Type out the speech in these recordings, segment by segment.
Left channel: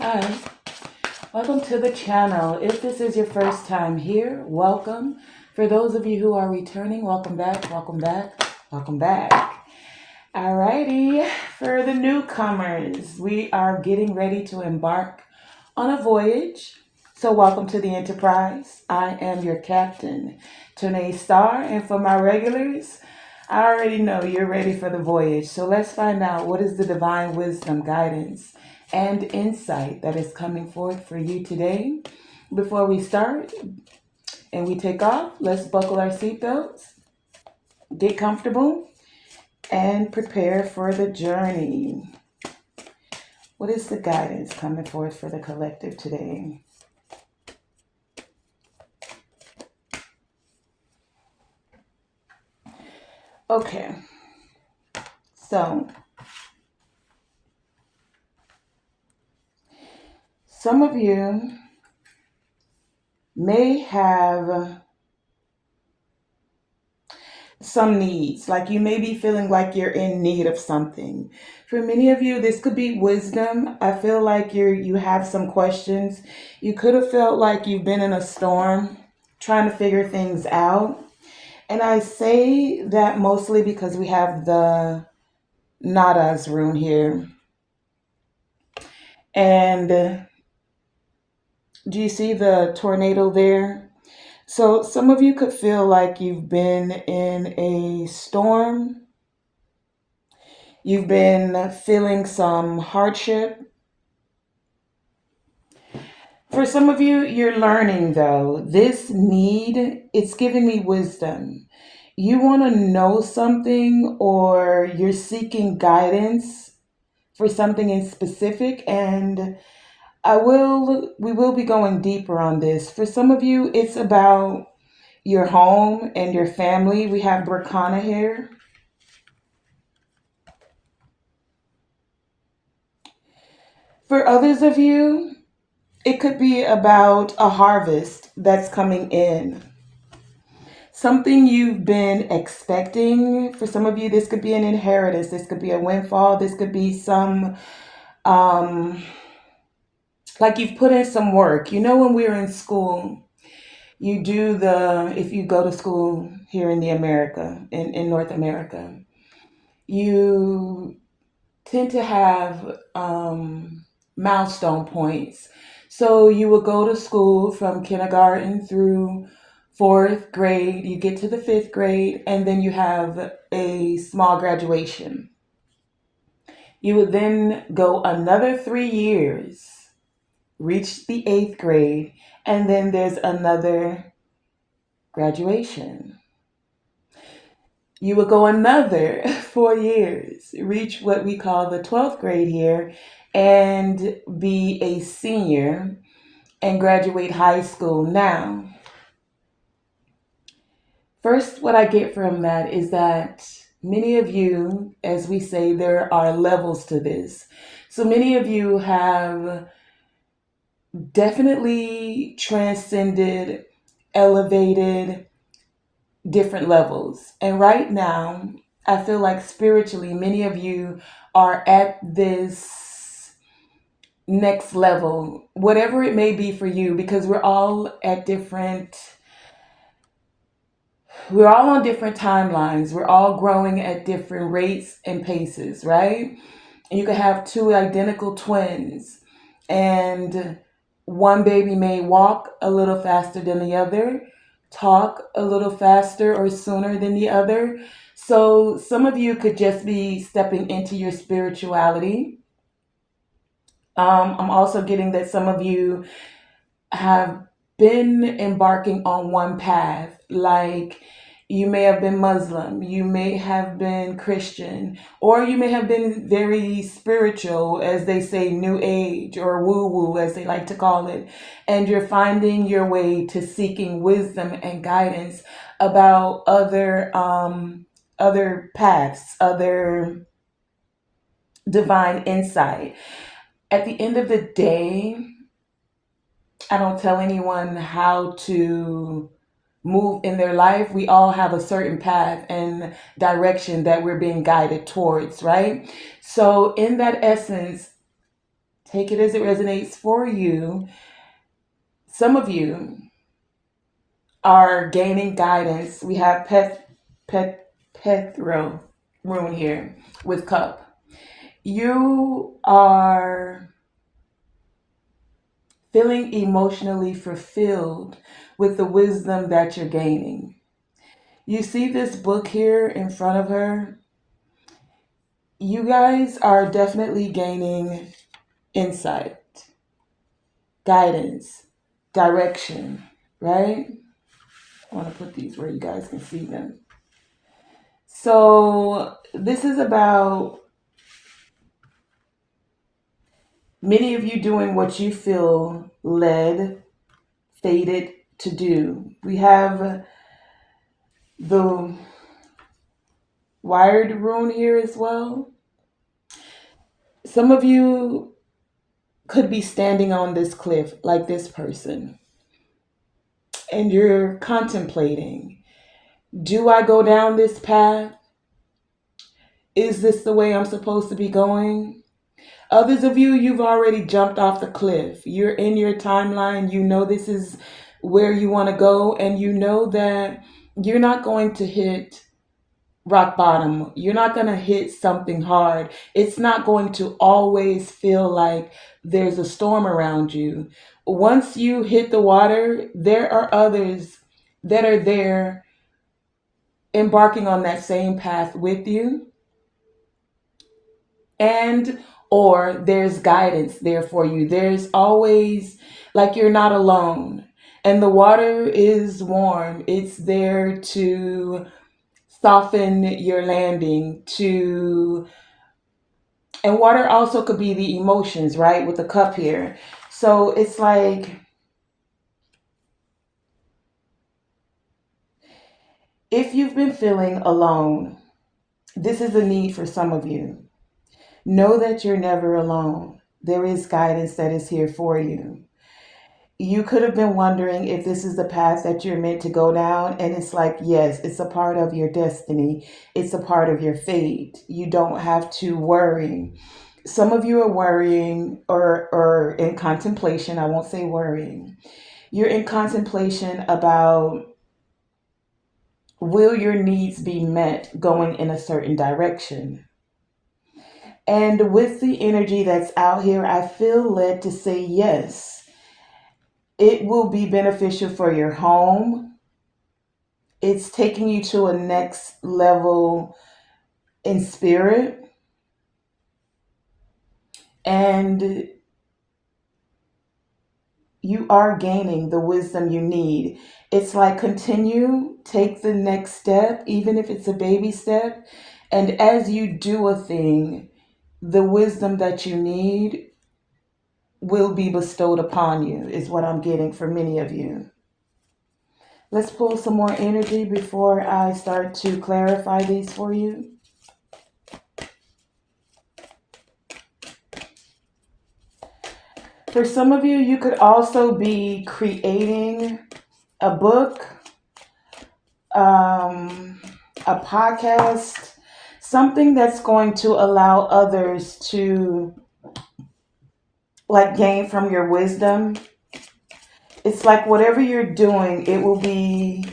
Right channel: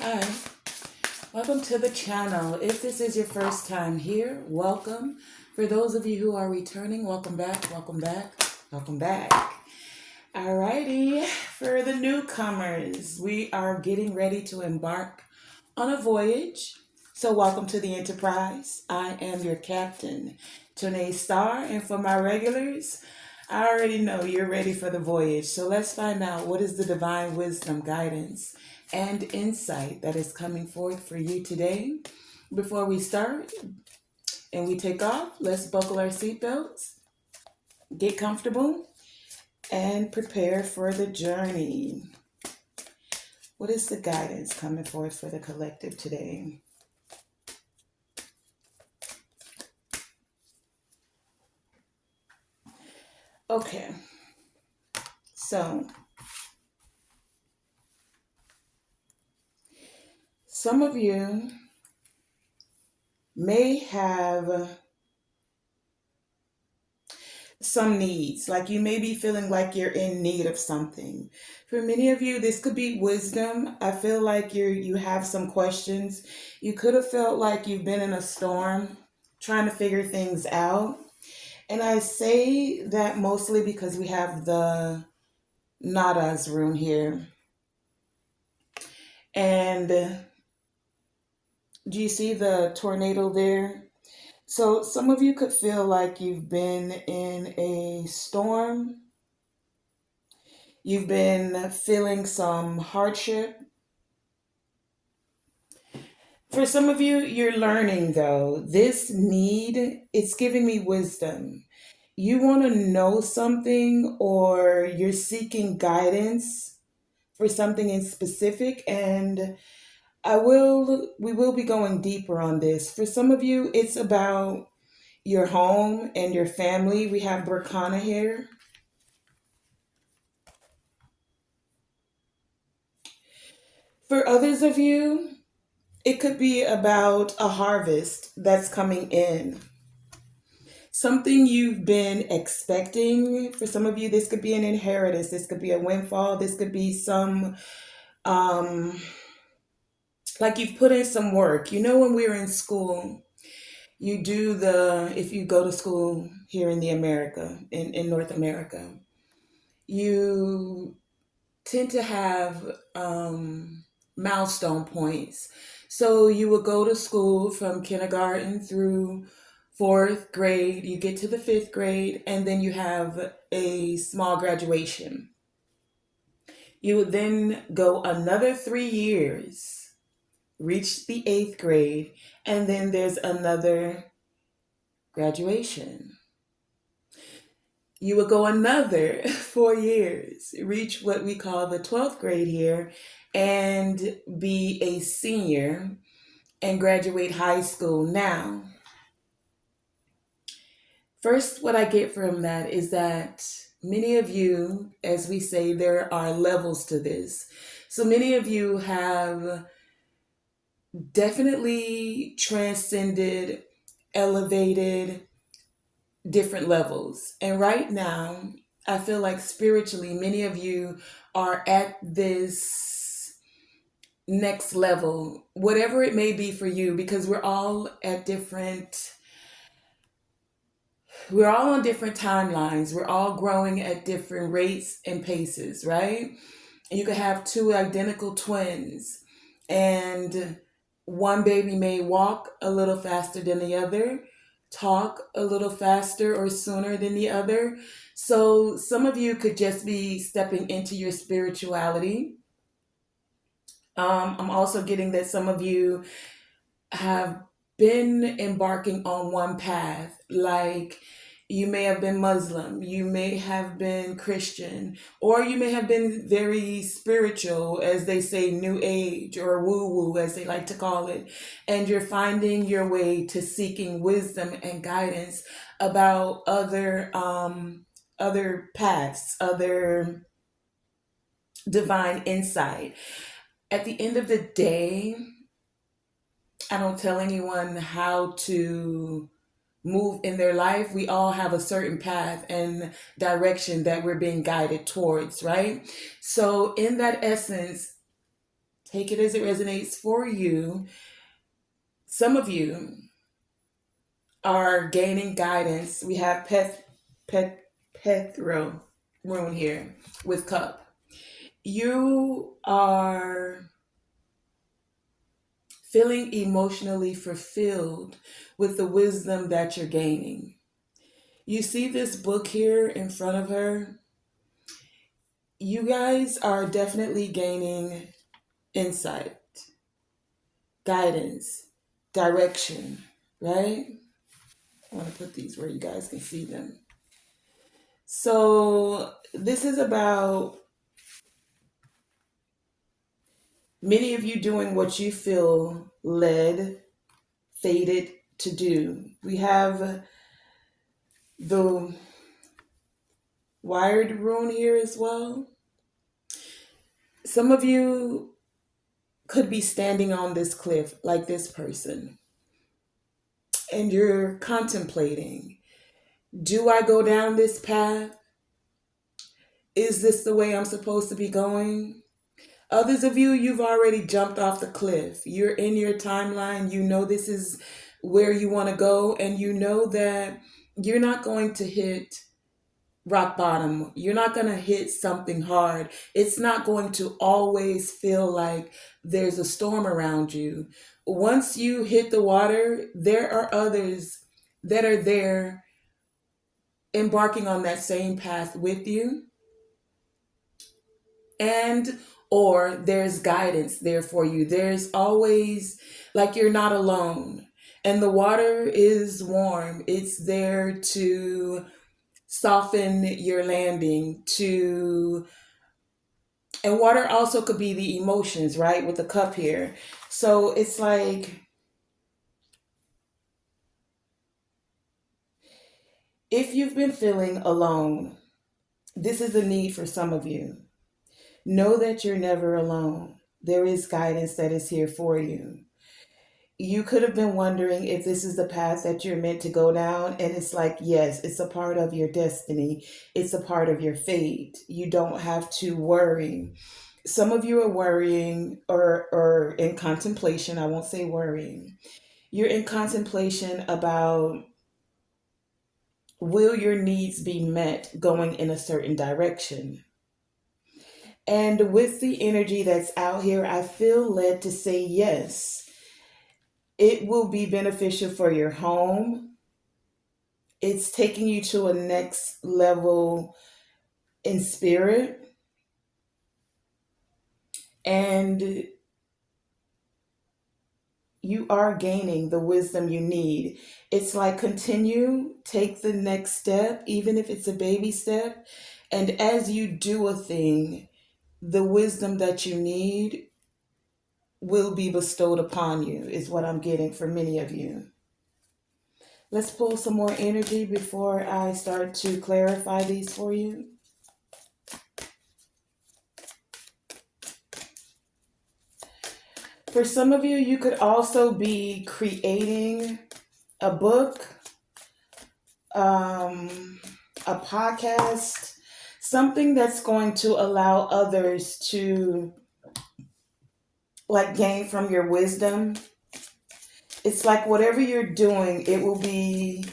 Hi, welcome to the channel. If this is your first time here, welcome. For those of you who are returning, welcome back, welcome back, welcome back. Alrighty, for the newcomers, we are getting ready to embark on a voyage. So, welcome to the Enterprise. I am your captain, Tonae Star, and for my regulars, I already know you're ready for the voyage. So, let's find out what is the divine wisdom, guidance, and insight that is coming forth for you today. Before we start and we take off, let's buckle our seatbelts, get comfortable, and prepare for the journey. What is the guidance coming forth for the collective today? Okay, so some of you may have some needs, like you may be feeling like you're in need of something. For many of you, this could be wisdom. I feel like you have some questions. You could have felt like you've been in a storm trying to figure things out. And I say that mostly because we have the Nada's room here. And do you see the tornado there? So some of you could feel like you've been in a storm. You've been feeling some hardship. For some of you, you're learning though. This need, it's giving me wisdom. You want to know something or you're seeking guidance for something in specific, and we will be going deeper on this. For some of you, it's about your home and your family. We have Burkana here. For others of you, it could be about a harvest that's coming in. Something you've been expecting. For some of you, this could be an inheritance. This could be a windfall. This could be some, um, like you've put in some work. You know, when we were in school, you do if you go to school here in in North America, you tend to have milestone points. So you will go to school from kindergarten through fourth grade, you get to the fifth grade, and then you have a small graduation. You would then go another 3 years, reach the eighth grade, and then there's another graduation. You would go another 4 years, reach what we call the 12th grade here, and be a senior and graduate high school. Now, first, what I get from that is that many of you, as we say, there are levels to this. So many of you have definitely transcended, elevated different levels. And right now, I feel like spiritually, many of you are at this next level, whatever it may be for you, because we're all on different timelines. We're all growing at different rates and paces, right? And you could have two identical twins, and one baby may walk a little faster than the other, talk a little faster or sooner than the other. So some of you could just be stepping into your spirituality. I'm also getting that some of you have been embarking on one path, like you may have been Muslim, you may have been Christian, or you may have been very spiritual, as they say, New Age, or woo woo, as they like to call it, and you're finding your way to seeking wisdom and guidance about other paths, other divine insight. At the end of the day, I don't tell anyone how to move in their life. We all have a certain path and direction that we're being guided towards, right? So, in that essence, Take it as it resonates for you. Some of you are gaining guidance. We have Pethro rune here with cup. You are feeling emotionally fulfilled with the wisdom that you're gaining. You see this book here in front of her. You guys are definitely gaining insight, guidance, direction, right? I want to put these where you guys can see them. So, this is about many of you doing what you feel led, fated to do. We have the wired rune here as well. Some of you could be standing on this cliff like this person, and you're contemplating, do I go down this path? Is this the way I'm supposed to be going? Others of you, you've already jumped off the cliff. You're in your timeline. You know this is where you want to go, and you know that you're not going to hit rock bottom. You're not going to hit something hard. It's not going to always feel like there's a storm around you. Once you hit the water, there are others that are there embarking on that same path with you, and or there's guidance there for you. There's always, like, you're not alone. And the water is warm. It's there to soften your landing, to and water also could be the emotions, right? With the cup here. So it's like, if you've been feeling alone, this is a need for some of you. Know that you're never alone. There is guidance that is here for you. You could have been wondering if this is the path that you're meant to go down. And it's like, yes, it's a part of your destiny, it's a part of your fate. You don't have to worry. Some of you are worrying, or in contemplation. I won't say worrying. You're in contemplation about, will your needs be met going in a certain direction? And with the energy that's out here, I feel led to say yes. It will be beneficial for your home. It's taking you to a next level in spirit. And you are gaining the wisdom you need. It's like, continue, take the next step, even if it's a baby step. And as you do a thing, the wisdom that you need will be bestowed upon you, is what I'm getting for many of you. Let's pull some more energy before I start to clarify these for you. For some of you, you could also be creating a book, a podcast, something that's going to allow others to, like, gain from your wisdom. It's like, whatever you're doing, it will be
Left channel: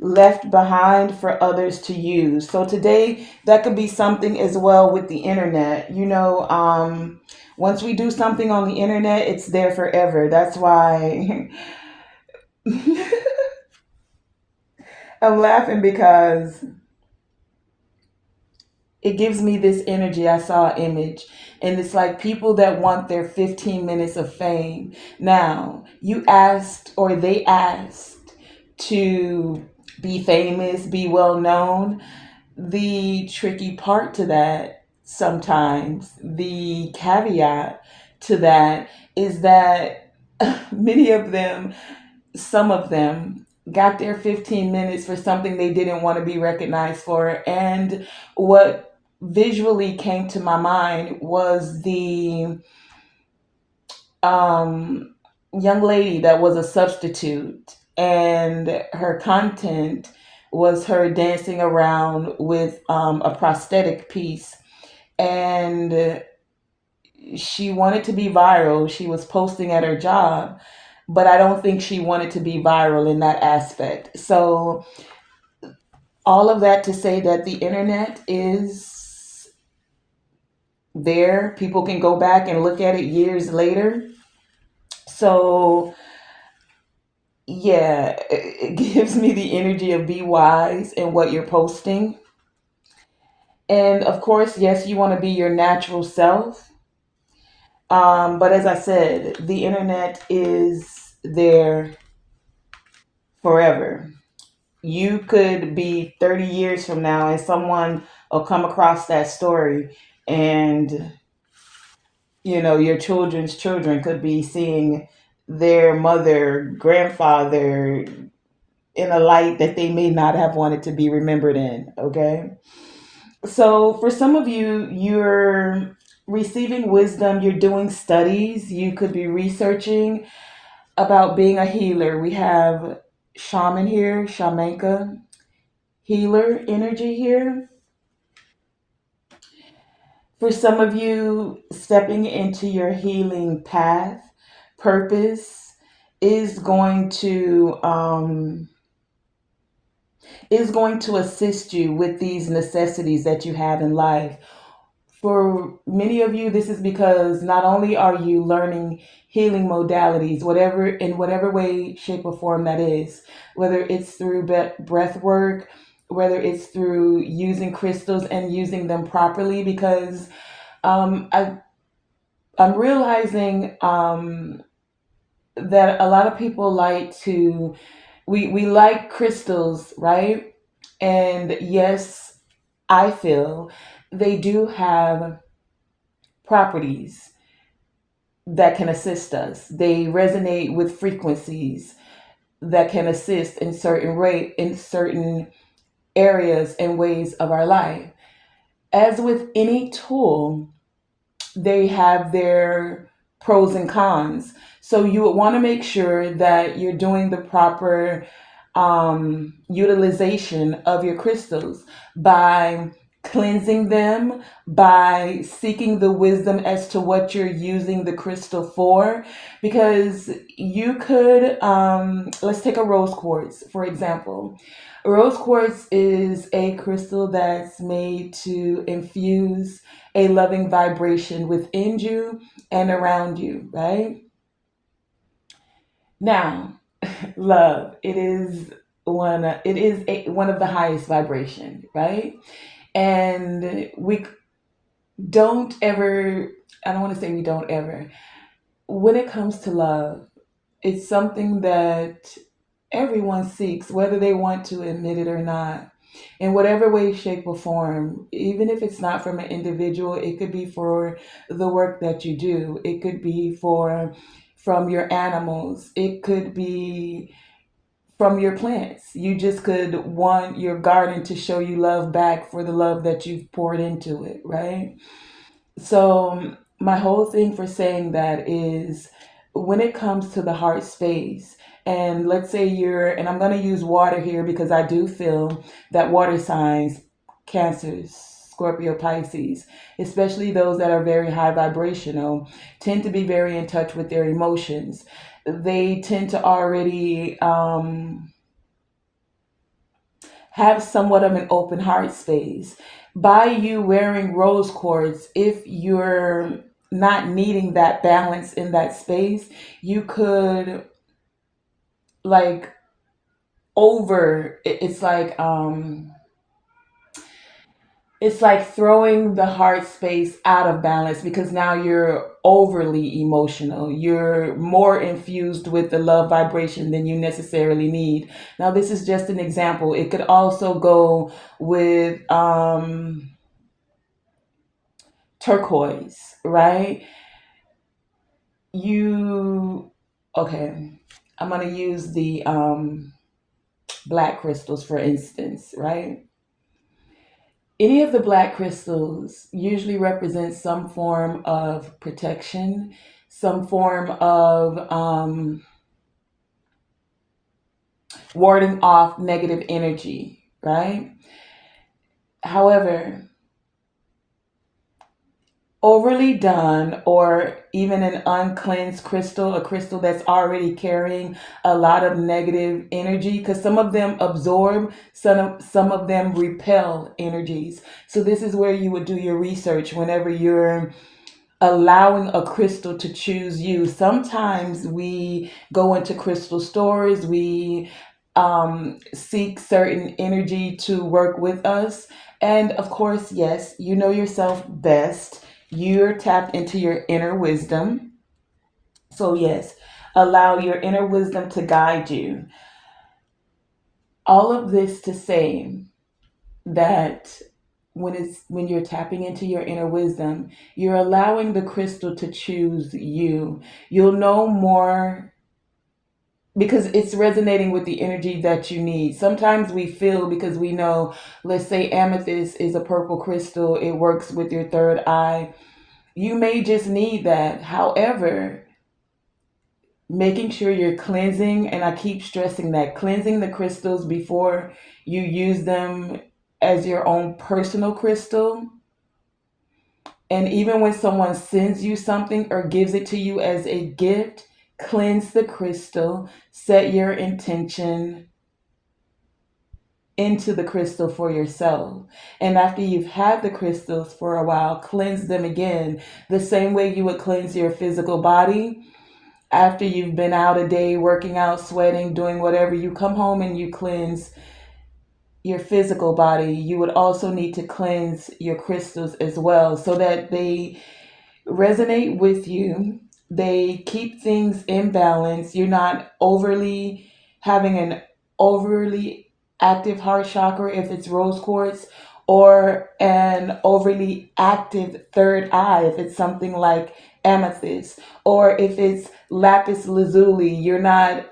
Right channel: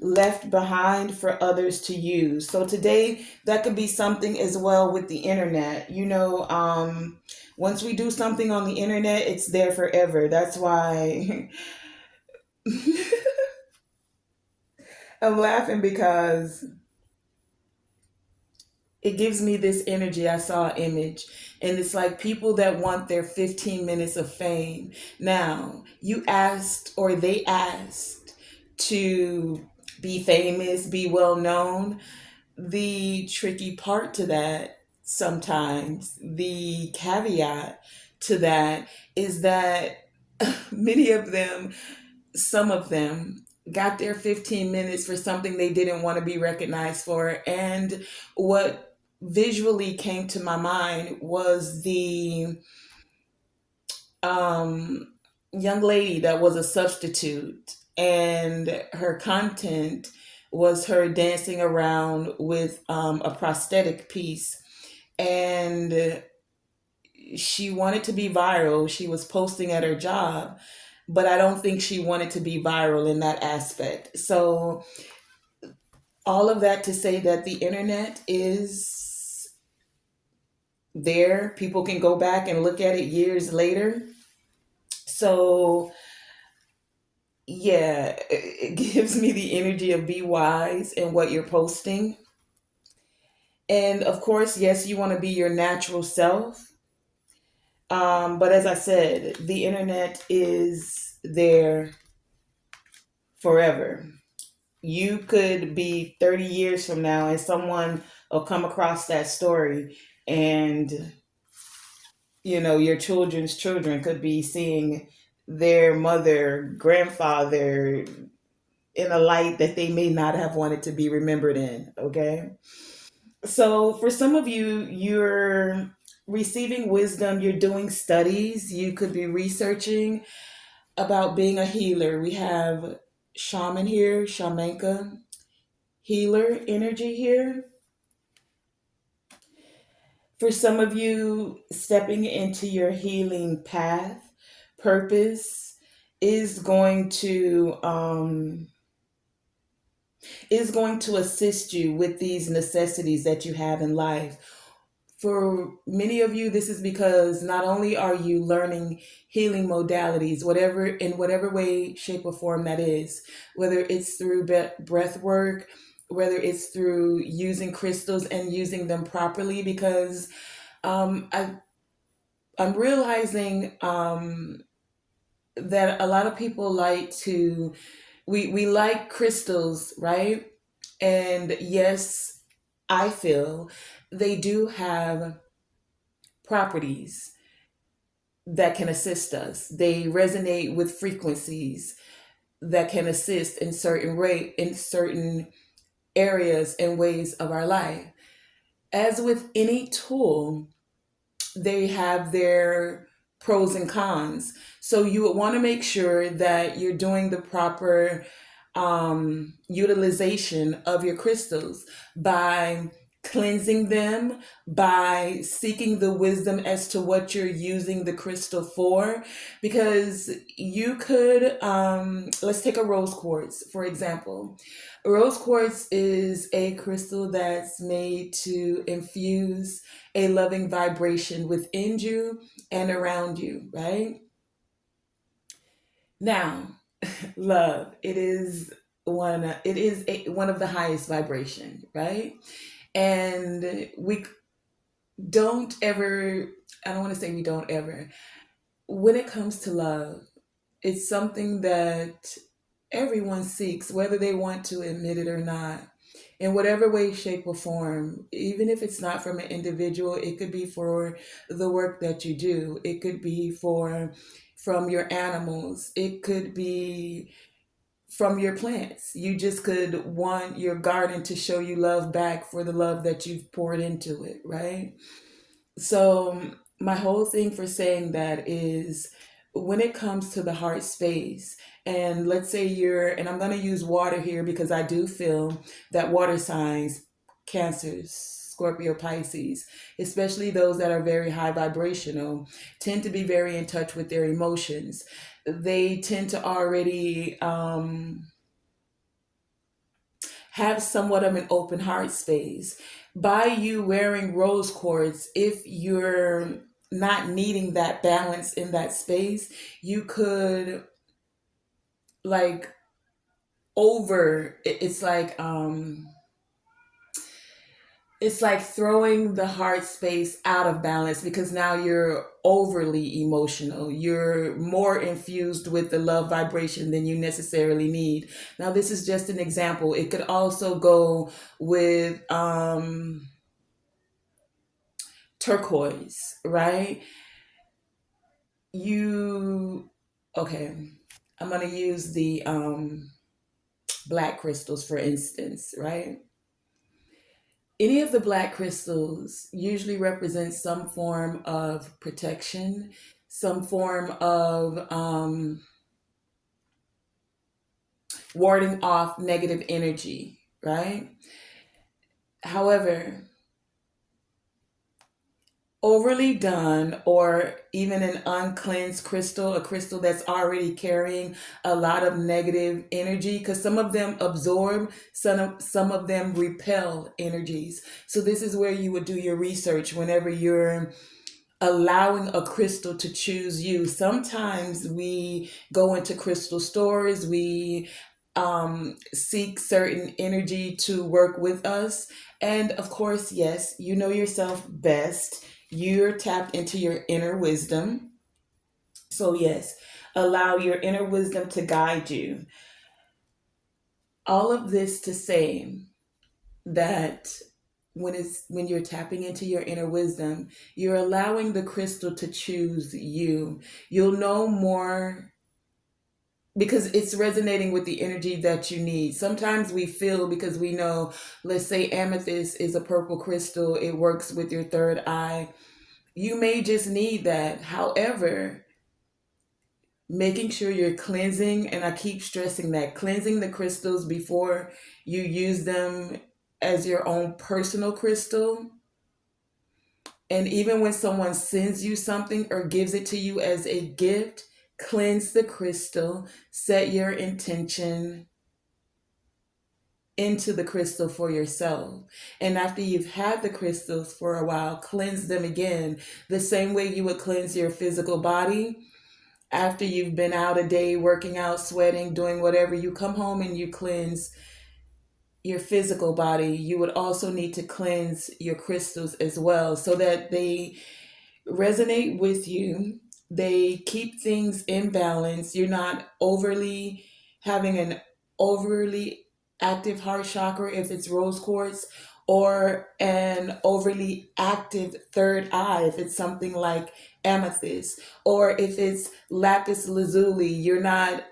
left behind for others to use. So today, that could be something as well with the internet. Once we do something on the internet, it's there forever. That's why I'm laughing, because it gives me this energy. I saw an image, and it's like people that want their 15 minutes of fame. Now, you asked, or they asked, to be famous, be well known. The tricky part to that, sometimes, the caveat to that, is that many of them, some of them, got their 15 minutes for something they didn't want to be recognized for. And what visually came to my mind was the um, young lady that was a substitute, and her content was her dancing around with a prosthetic piece. And she wanted to be viral. She was posting at her job, but I don't think she wanted to be viral in that aspect. So, all of that to say that the internet is there. People can go back and look at it years later. So, yeah, it gives me the energy of be wise in what you're posting. And of course, yes, you want to be your natural self. But as I said, the internet is there forever. You could be 30 years from now and someone will come across that story, and your children's children could be seeing their mother, grandfather in a light that they may not have wanted to be remembered in. Okay. So for some of you, you're receiving wisdom, you're doing studies, you could be researching about being a healer. We have shaman here, shamanka, healer energy here. For some of you, stepping into your healing path, purpose is going to assist you with these necessities that you have in life. For many of you, this is because not only are you learning healing modalities, whatever in whatever way, shape, or form that is, whether it's through breath work, whether it's through using crystals and using them properly, because I'm realizing that a lot of people like to we like crystals, right? And yes, I feel they do have properties that can assist us. They resonate with frequencies that can assist in certain areas and ways of our life. As with any tool, they have their pros and cons. So you would want to make sure that you're doing the proper utilization of your crystals by cleansing them, by seeking the wisdom as to what you're using the crystal for. Because you could, let's take a rose quartz, for example. Rose quartz is a crystal that's made to infuse a loving vibration within you and around you, right? Now, love, one of the highest vibration, right? And we don't ever, I don't want to say we don't ever, when it comes to love, it's something that everyone seeks, whether they want to admit it or not, in whatever way, shape, or form. Even if it's not from an individual, it could be for the work that you do, it could be from your animals, it could be from your plants. You just could want your garden to show you love back for the love that you've poured into it, right? So, my whole thing for saying that is when it comes to the heart space, and let's say and I'm going to use water here because I do feel that water signs, Cancers, Scorpio, Pisces, especially those that are very high vibrational, tend to be very in touch with their emotions. They tend to already have somewhat of an open heart space. By you wearing rose quartz, if you're not needing that balance in that space, you could like it's like it's like throwing the heart space out of balance because now you're overly emotional. You're more infused with the love vibration than you necessarily need. Now, this is just an example. It could also go with turquoise, right? You, okay, I'm going to use the black crystals for instance, right? Any of the black crystals usually represent some form of protection, some form of warding off negative energy, right? However, overly done, or even an uncleansed crystal, a crystal that's already carrying a lot of negative energy, because some of them absorb, some of them repel energies. So this is where you would do your research whenever you're allowing a crystal to choose you. Sometimes we go into crystal stores, we seek certain energy to work with us. And of course, yes, you know yourself best. You're tapped into your inner wisdom. So, yes, allow your inner wisdom to guide you. All of this to say that when you're tapping into your inner wisdom, you're allowing the crystal to choose you. You'll know more because it's resonating with the energy that you need. Sometimes we feel, because we know, let's say amethyst is a purple crystal, it works with your third eye. You may just need that. However, making sure you're cleansing, and I keep stressing that, cleansing the crystals before you use them as your own personal crystal. And even when someone sends you something or gives it to you as a gift, cleanse the crystal, set your intention into the crystal for yourself. And after you've had the crystals for a while, cleanse them again, the same way you would cleanse your physical body. After you've been out a day working out, sweating, doing whatever, you come home and you cleanse your physical body. You would also need to cleanse your crystals as well, so that they resonate with you. They keep things in balance. You're not overly having an overly active heart chakra if it's rose quartz, or an overly active third eye if it's something like amethyst, or if it's lapis lazuli. You're not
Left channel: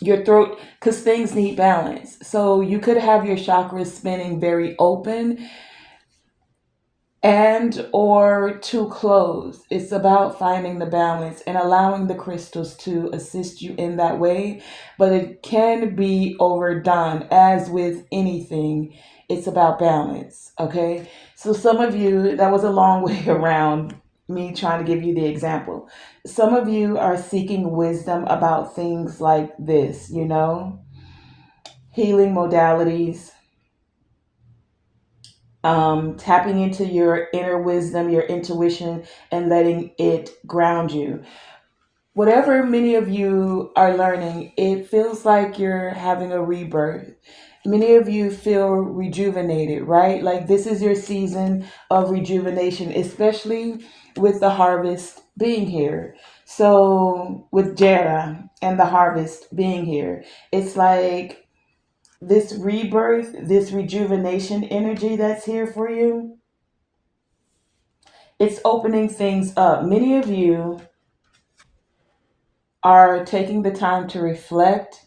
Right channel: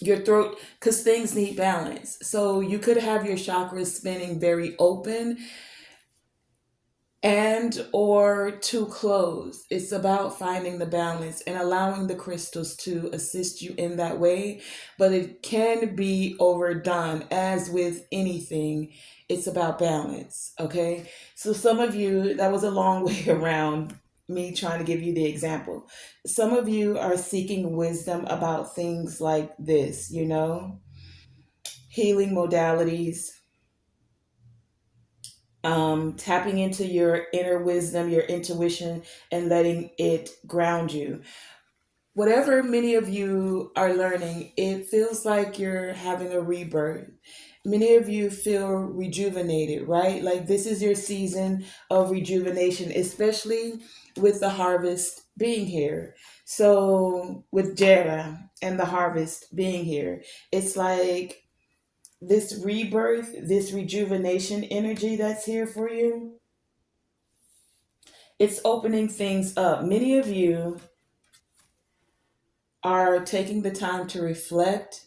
your throat, because things need balance. So you could have your chakras spinning very open and or too close. It's about finding the balance and allowing the crystals to assist you in that way, but it can be overdone. As with anything, it's about balance. Okay, so some of you, that was a long way around me trying to give you the example. Some of you are seeking wisdom about things like this, healing modalities, tapping into your inner wisdom, your intuition, and letting it ground you. Whatever many of you are learning, it feels like you're having a rebirth. Many of you feel rejuvenated, right? Like this is your season of rejuvenation, especially with the harvest being here. So, with Jera and the harvest being here, it's like this rebirth, this rejuvenation energy that's here for you, it's opening things up. Many of you are taking the time to reflect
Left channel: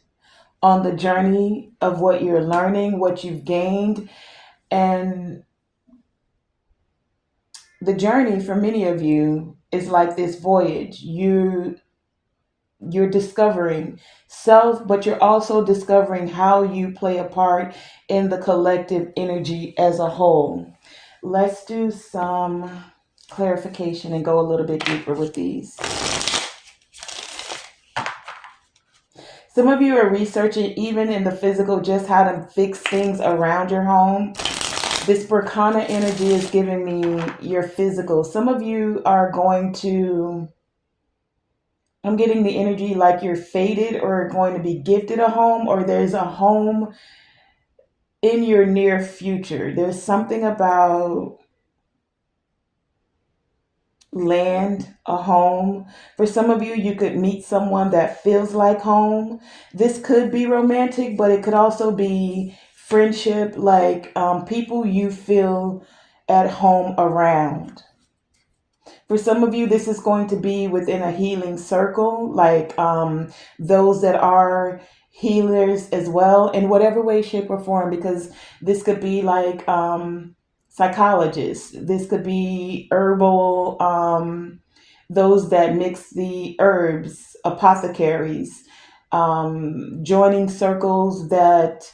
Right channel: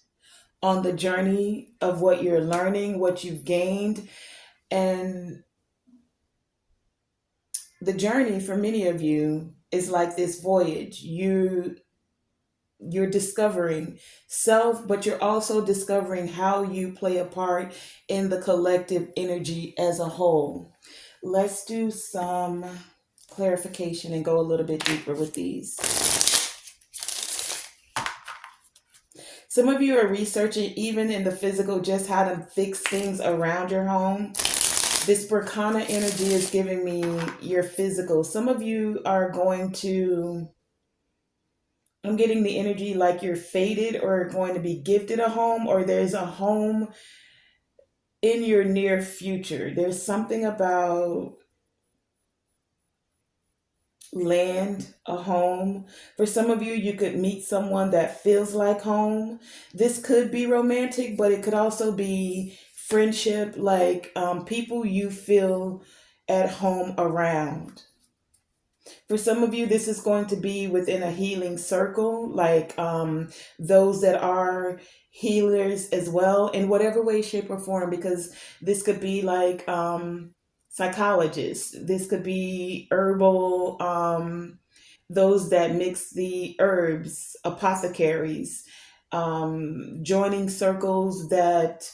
on the journey of what you're learning, what you've gained, and the journey for many of you is like this voyage. You're discovering self, but you're also discovering how you play a part in the collective energy as a whole. Let's do some clarification and go a little bit deeper with these. Some of you are researching, even in the physical, just how to fix things around your home. This Berkana energy is giving me your physical. Some of you are going to, I'm getting the energy like you're fated or going to be gifted a home, or there's a home in your near future. There's something about land, a home. For some of you, you could meet someone that feels like home. This could be romantic, but it could also be friendship, like people you feel at home around. For some of you, this is going to be within a healing circle, like those that are healers as well, in whatever way, shape, or form, because this could be like psychologists, this could be herbal, those that mix the herbs, apothecaries, joining circles that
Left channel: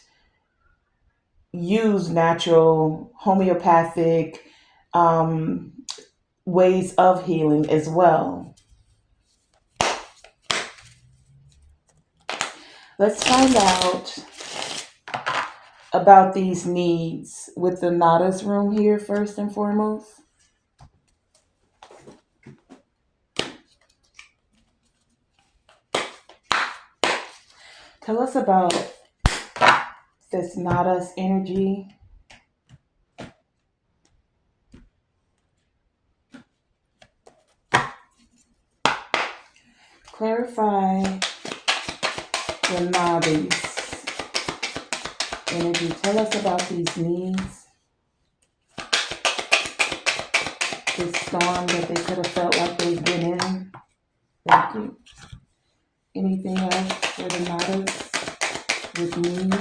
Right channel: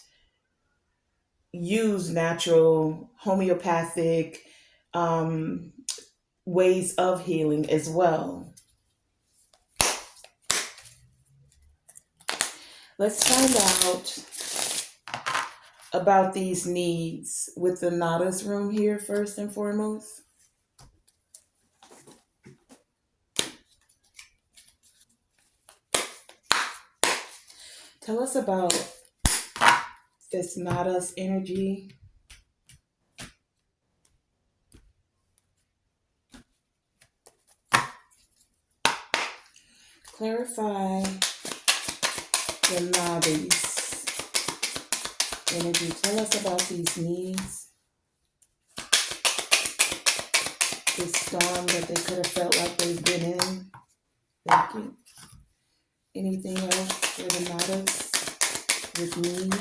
use natural homeopathic. um, ways of healing as well. Let's find out about these needs with the Nada's room here first and foremost. Tell us about this Nada's energy. Clarify the Nada's energy. Tell us about these needs, this storm that they could have felt like they've been in. Thank you. Anything else for the Nadas with need?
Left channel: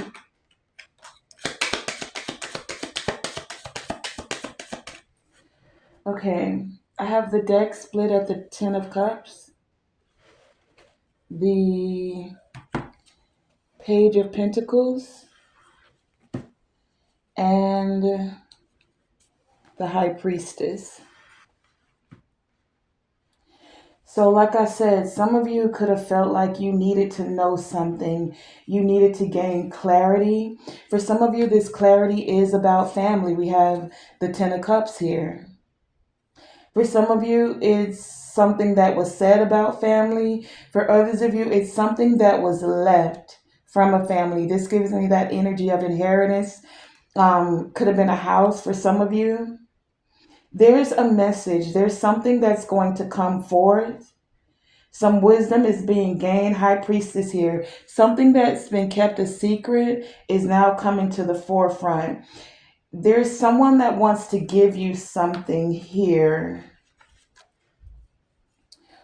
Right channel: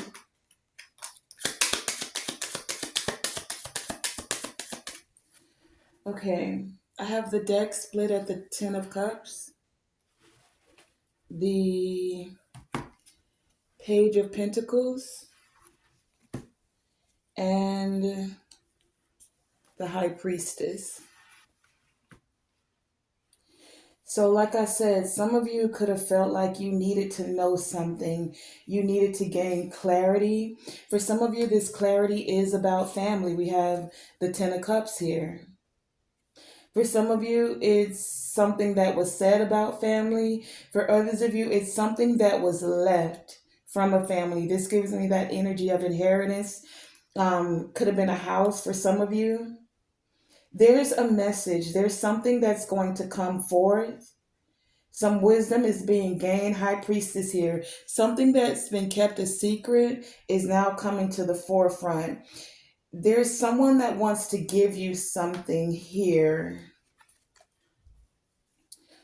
Okay, I have the deck split at the Ten of Cups, the Page of Pentacles, and the High Priestess. So, like I said, some of you could have felt like you needed to know something. You needed to gain clarity. For some of you, this clarity is about family. We have the Ten of Cups here. For some of you, it's something that was said about family. For others of you, it's something that was left from a family. This gives me that energy of inheritance. Could have been a house for some of you. There's a message, there's something that's going to come forth. Some wisdom is being gained. High priestess here. Something that's been kept a secret is now coming to the forefront. There's someone that wants to give you something here.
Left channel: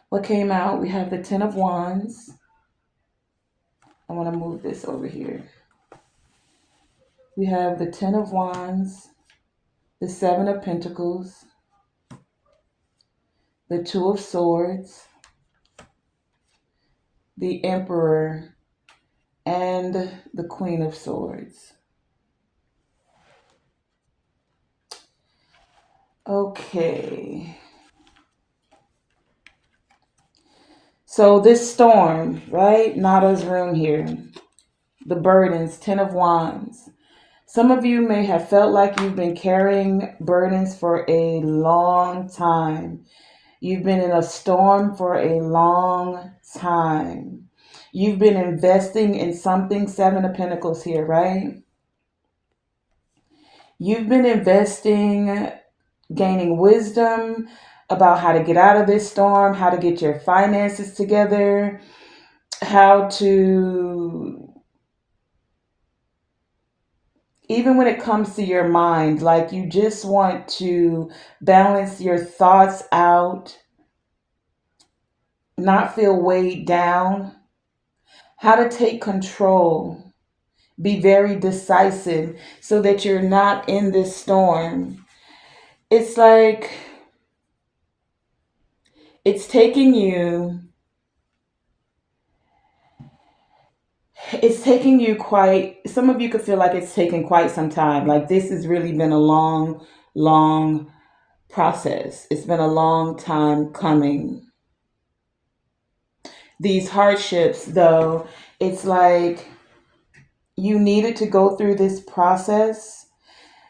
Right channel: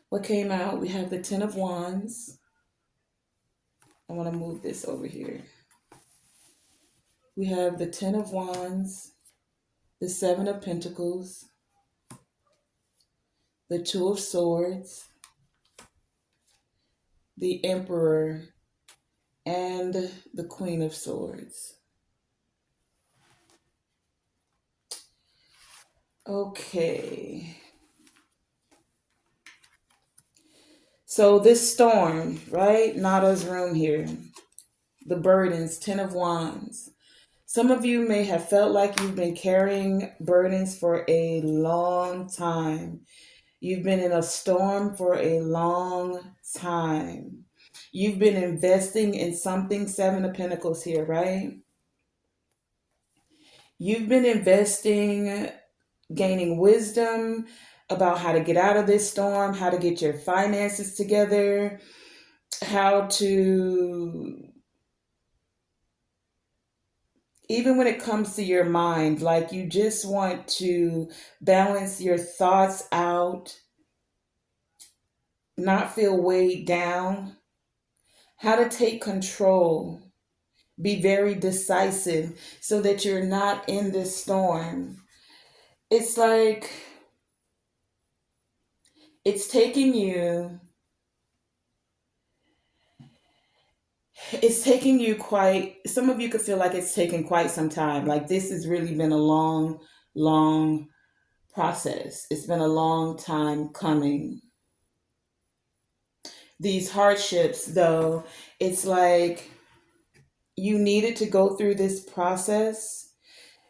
What came out? We have the Ten of Wands. I want to move this over here. We have the Ten of Wands, the Seven of Pentacles, the Two of Swords, the Emperor, and the Queen of Swords. Okay. So this storm, right? Nada's room here. The burdens, Ten of Wands. Some of you may have felt like you've been carrying burdens for a long time. You've been in a storm for a long time. You've been investing in something, Seven of Pentacles here, right? You've been investing, gaining wisdom about how to get out of this storm, how to get your finances together, how to, even when it comes to your mind, like you just want to balance your thoughts out, not feel weighed down, how to take control, be very decisive so that you're not in this storm. It's like it's taking you it's taking you quite, some of you could feel like it's taken quite some time. Like this has really been a long process. It's been a long time coming. These hardships, though, it's like you needed to go through this process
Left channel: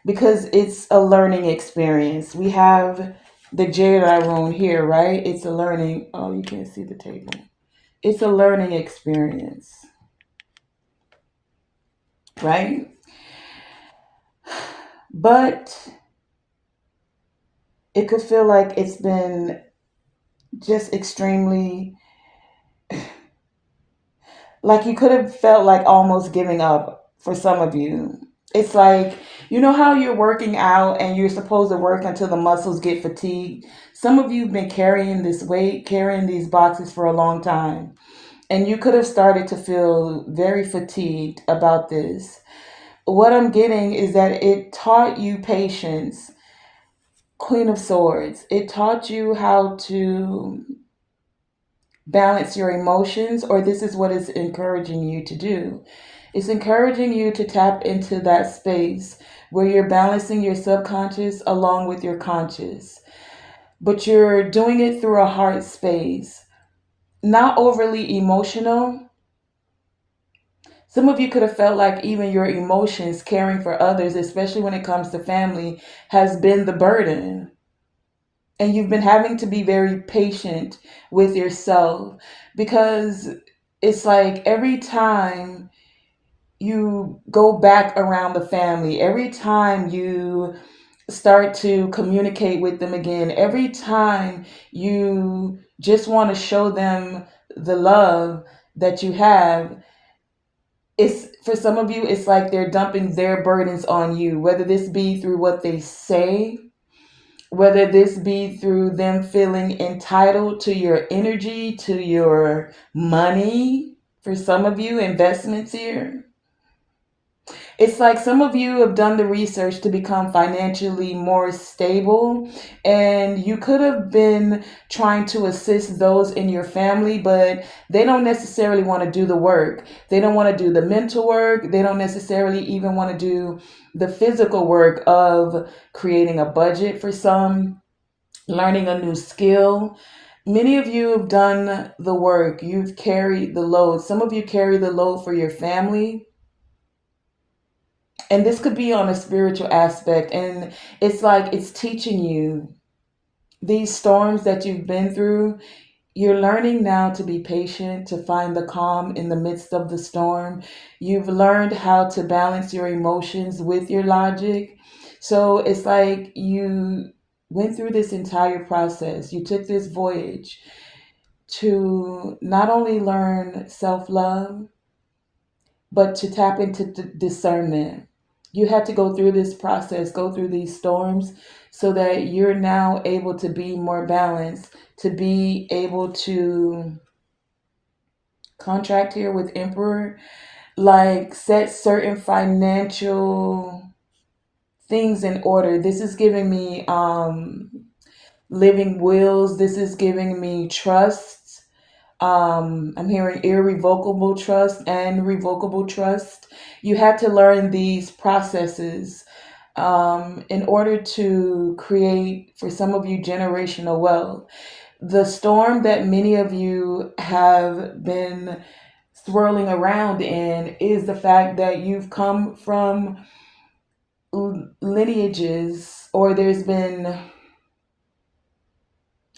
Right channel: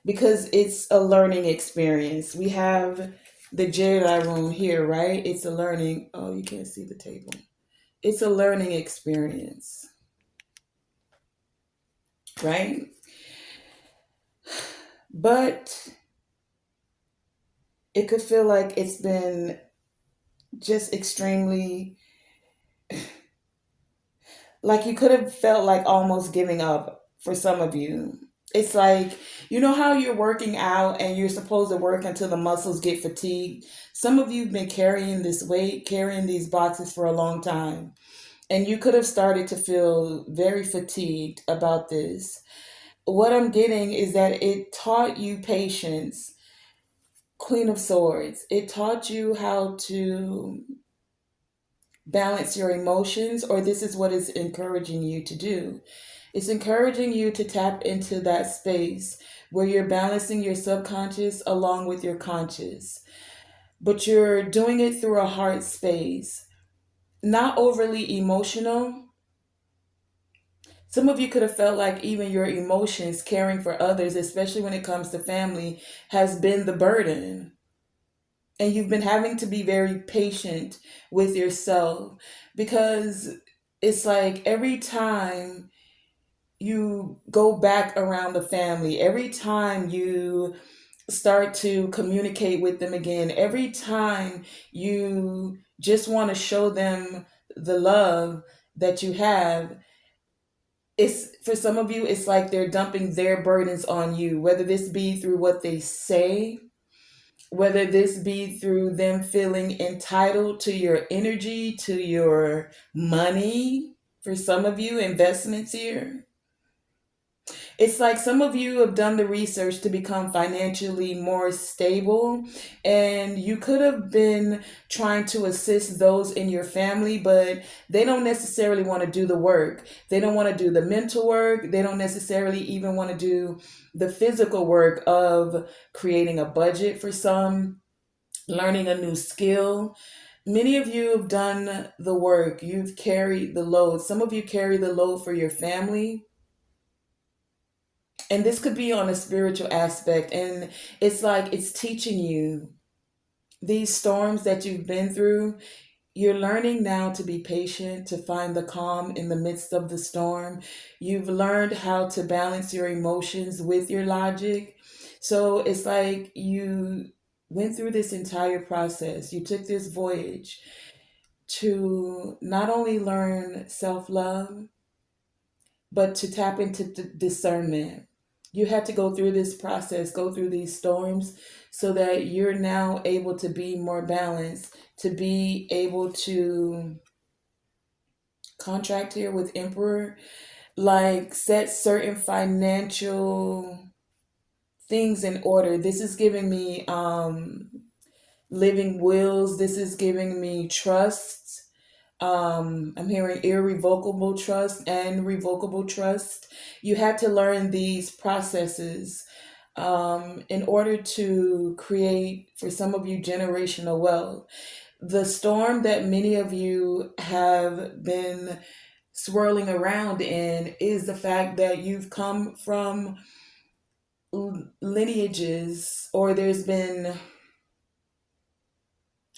because it's a learning experience. We have the Jedi rune here, right? It's a learning. Oh, you can't see the table. It's a learning experience, right? But it could feel like it's been just extremely, like you could have felt like almost giving up for some of you. It's like, you know how you're working out and you're supposed to work until the muscles get fatigued? Some of you have been carrying this weight, carrying these boxes for a long time. And you could have started to feel very fatigued about this. What I'm getting is that it taught you patience, Queen of Swords. It taught you how to balance your emotions, or this is what it's encouraging you to do. It's encouraging you to tap into that space where you're balancing your subconscious along with your conscious, but you're doing it through a heart space, not overly emotional. Some of you could have felt like even your emotions, caring for others, especially when it comes to family, has been the burden. And you've been having to be very patient with yourself because it's like every time you go back around the family, every time you start to communicate with them again, every time you just want to show them the love that you have, it's for some of you, it's like they're dumping their burdens on you, whether this be through what they say, whether this be through them feeling entitled to your energy, to your money. For some of you, investments here. It's like some of you have done the research to become financially more stable, and you could have been trying to assist those in your family, but they don't necessarily want to do the work. They don't want to do the mental work. They don't necessarily even want to do the physical work of creating a budget for some, learning a new skill. Many of you have done the work. You've carried the load. Some of you carry the load for your family, and this could be on a spiritual aspect, and it's like it's teaching you these storms that you've been through. You're learning now to be patient, to find the calm in the midst of the storm. You've learned how to balance your emotions with your logic. So it's like you went through this entire process. You took this voyage to not only learn self-love, but to tap into discernment. You had to go through this process, go through these storms, so that you're now able to be more balanced, to be able to contract here with Emperor, like set certain financial things in order. This is giving me living wills, this is giving me trusts. I'm hearing irrevocable trust and revocable trust. You had to learn these processes in order to create, for some of you, generational wealth. The storm that many of you have been swirling around in is the fact that you've come from lineages, or there's been,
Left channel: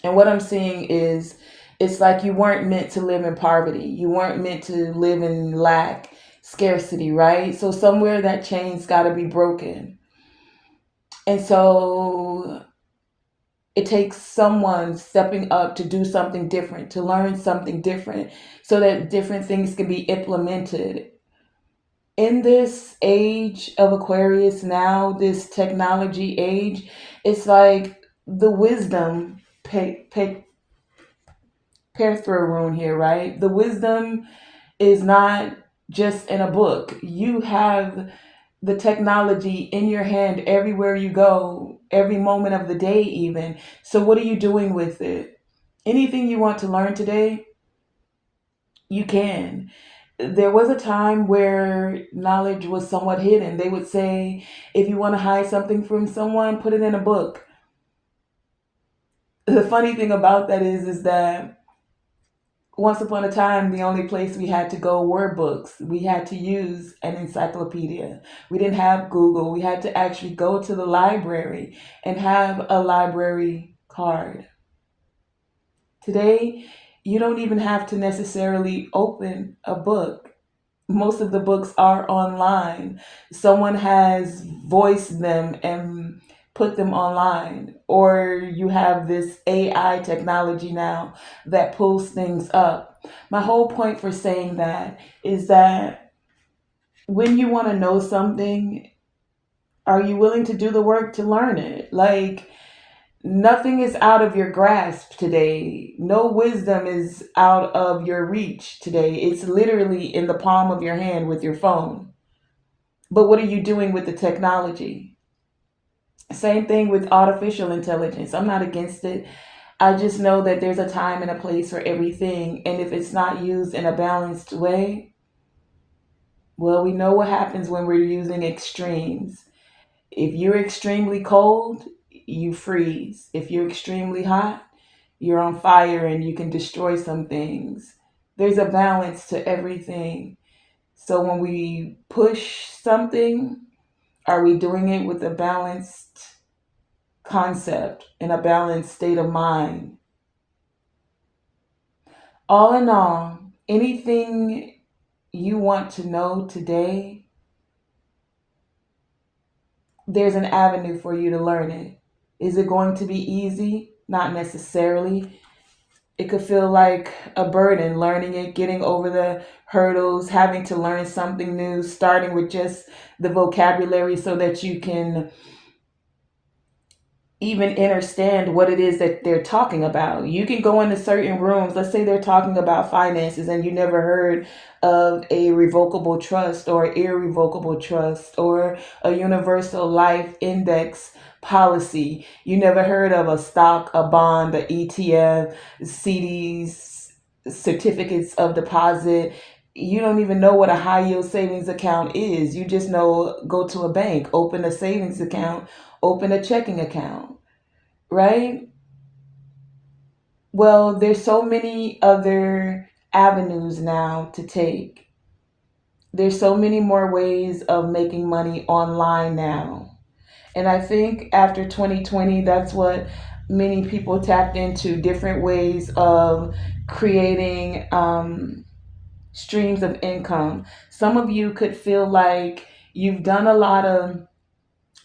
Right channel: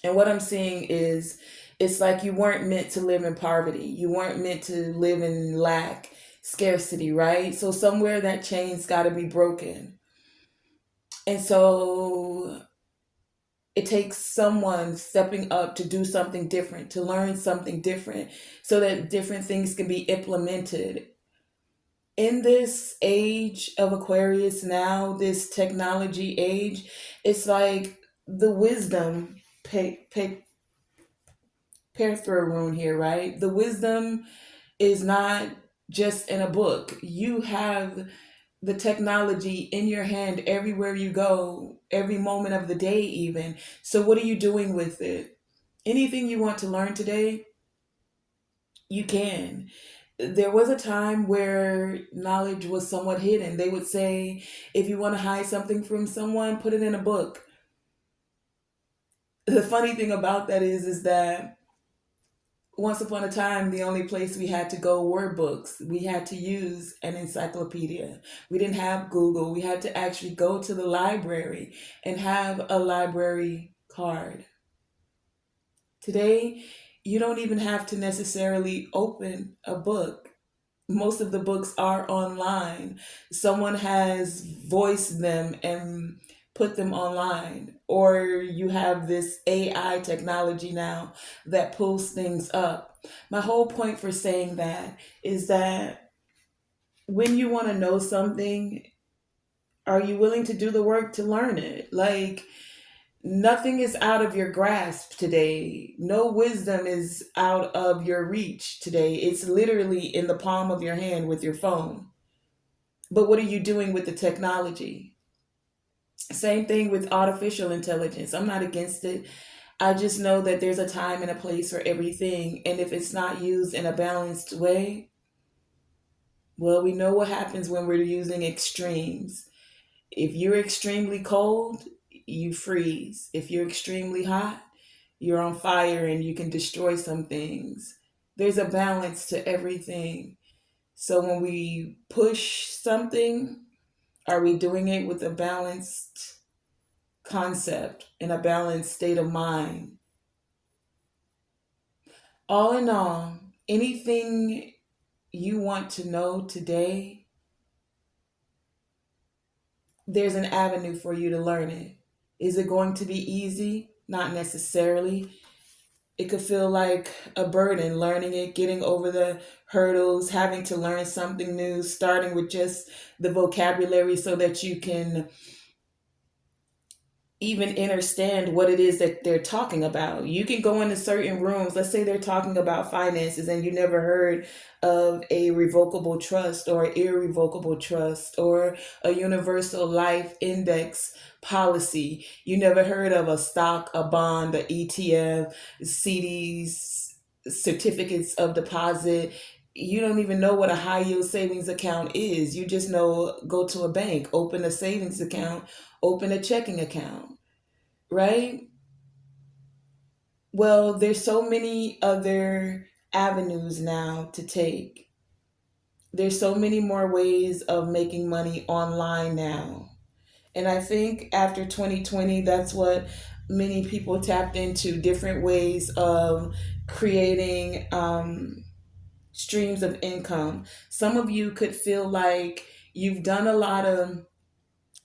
and what I'm seeing is it's like you weren't meant to live in poverty. You weren't meant to live in lack, scarcity, right? So somewhere that chain's got to be broken. And so it takes someone stepping up to do something different, to learn something different, so that different things can be implemented. In this age of Aquarius now, this technology age, it's like the wisdom pair through rune here, right? The wisdom is not just in a book. You have the technology in your hand everywhere you go, every moment of the day, even. So, what are you doing with it? Anything you want to learn today, you can. There was a time where knowledge was somewhat hidden. They would say, if you want to hide something from someone, put it in a book. The funny thing about that is that once upon a time, the only place we had to go were books. We had to use an encyclopedia. We didn't have Google. We had to actually go to the library and have a library card. Today, you don't even have to necessarily open a book. Most of the books are online. Someone has voiced them and put them online. Or you have this AI technology now that pulls things up. My whole point for saying that is that when you want to know something, are you willing to do the work to learn it? Like, nothing is out of your grasp today. No wisdom is out of your reach today. It's literally in the palm of your hand with your phone. But what are you doing with the technology? Same thing with artificial intelligence. I'm not against it. I just know that there's a time and a place for everything. And if it's not used in a balanced way, well, we know what happens when we're using extremes. If you're extremely cold, you freeze. If you're extremely hot, you're on fire and you can destroy some things. There's a balance to everything. So when we push something, are we doing it with a balanced concept and a balanced state of mind? All in all, anything you want to know today, there's an avenue for you to learn it. Is it going to be easy? Not necessarily. It could feel like a burden learning it, getting over the hurdles, having to learn something new, starting with just the vocabulary so that you can even understand what it is that they're talking about. You can go into certain rooms, let's say they're talking about finances and you never heard of a revocable trust or irrevocable trust or a universal life index policy. You never heard of a stock, a bond, the ETF, CDs, certificates of deposit. You don't even know what a high yield savings account is. You just know go to a bank, open a savings account, open a checking account, right? Well, there's so many other avenues now to take. There's so many more ways of making money online now. And I think after 2020, that's what many people tapped into, different ways of creating streams of income. Some of you could feel like you've done a lot of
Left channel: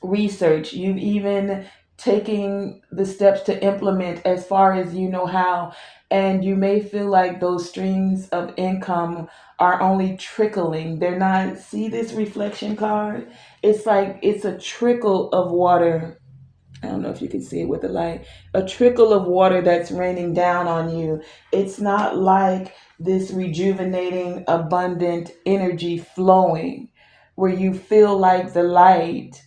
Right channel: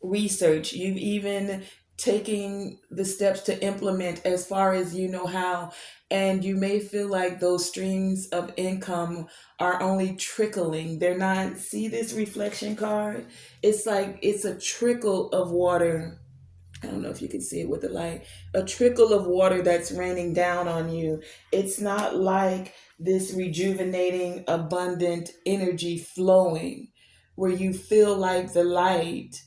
research. You've even taken the steps to implement as far as you know how. And you may feel like those streams of income are only trickling. They're not, see this reflection card? It's like it's a trickle of water. I don't know if you can see it with the light. A trickle of water that's raining down on you. It's not like this rejuvenating, abundant energy flowing where you feel like the light,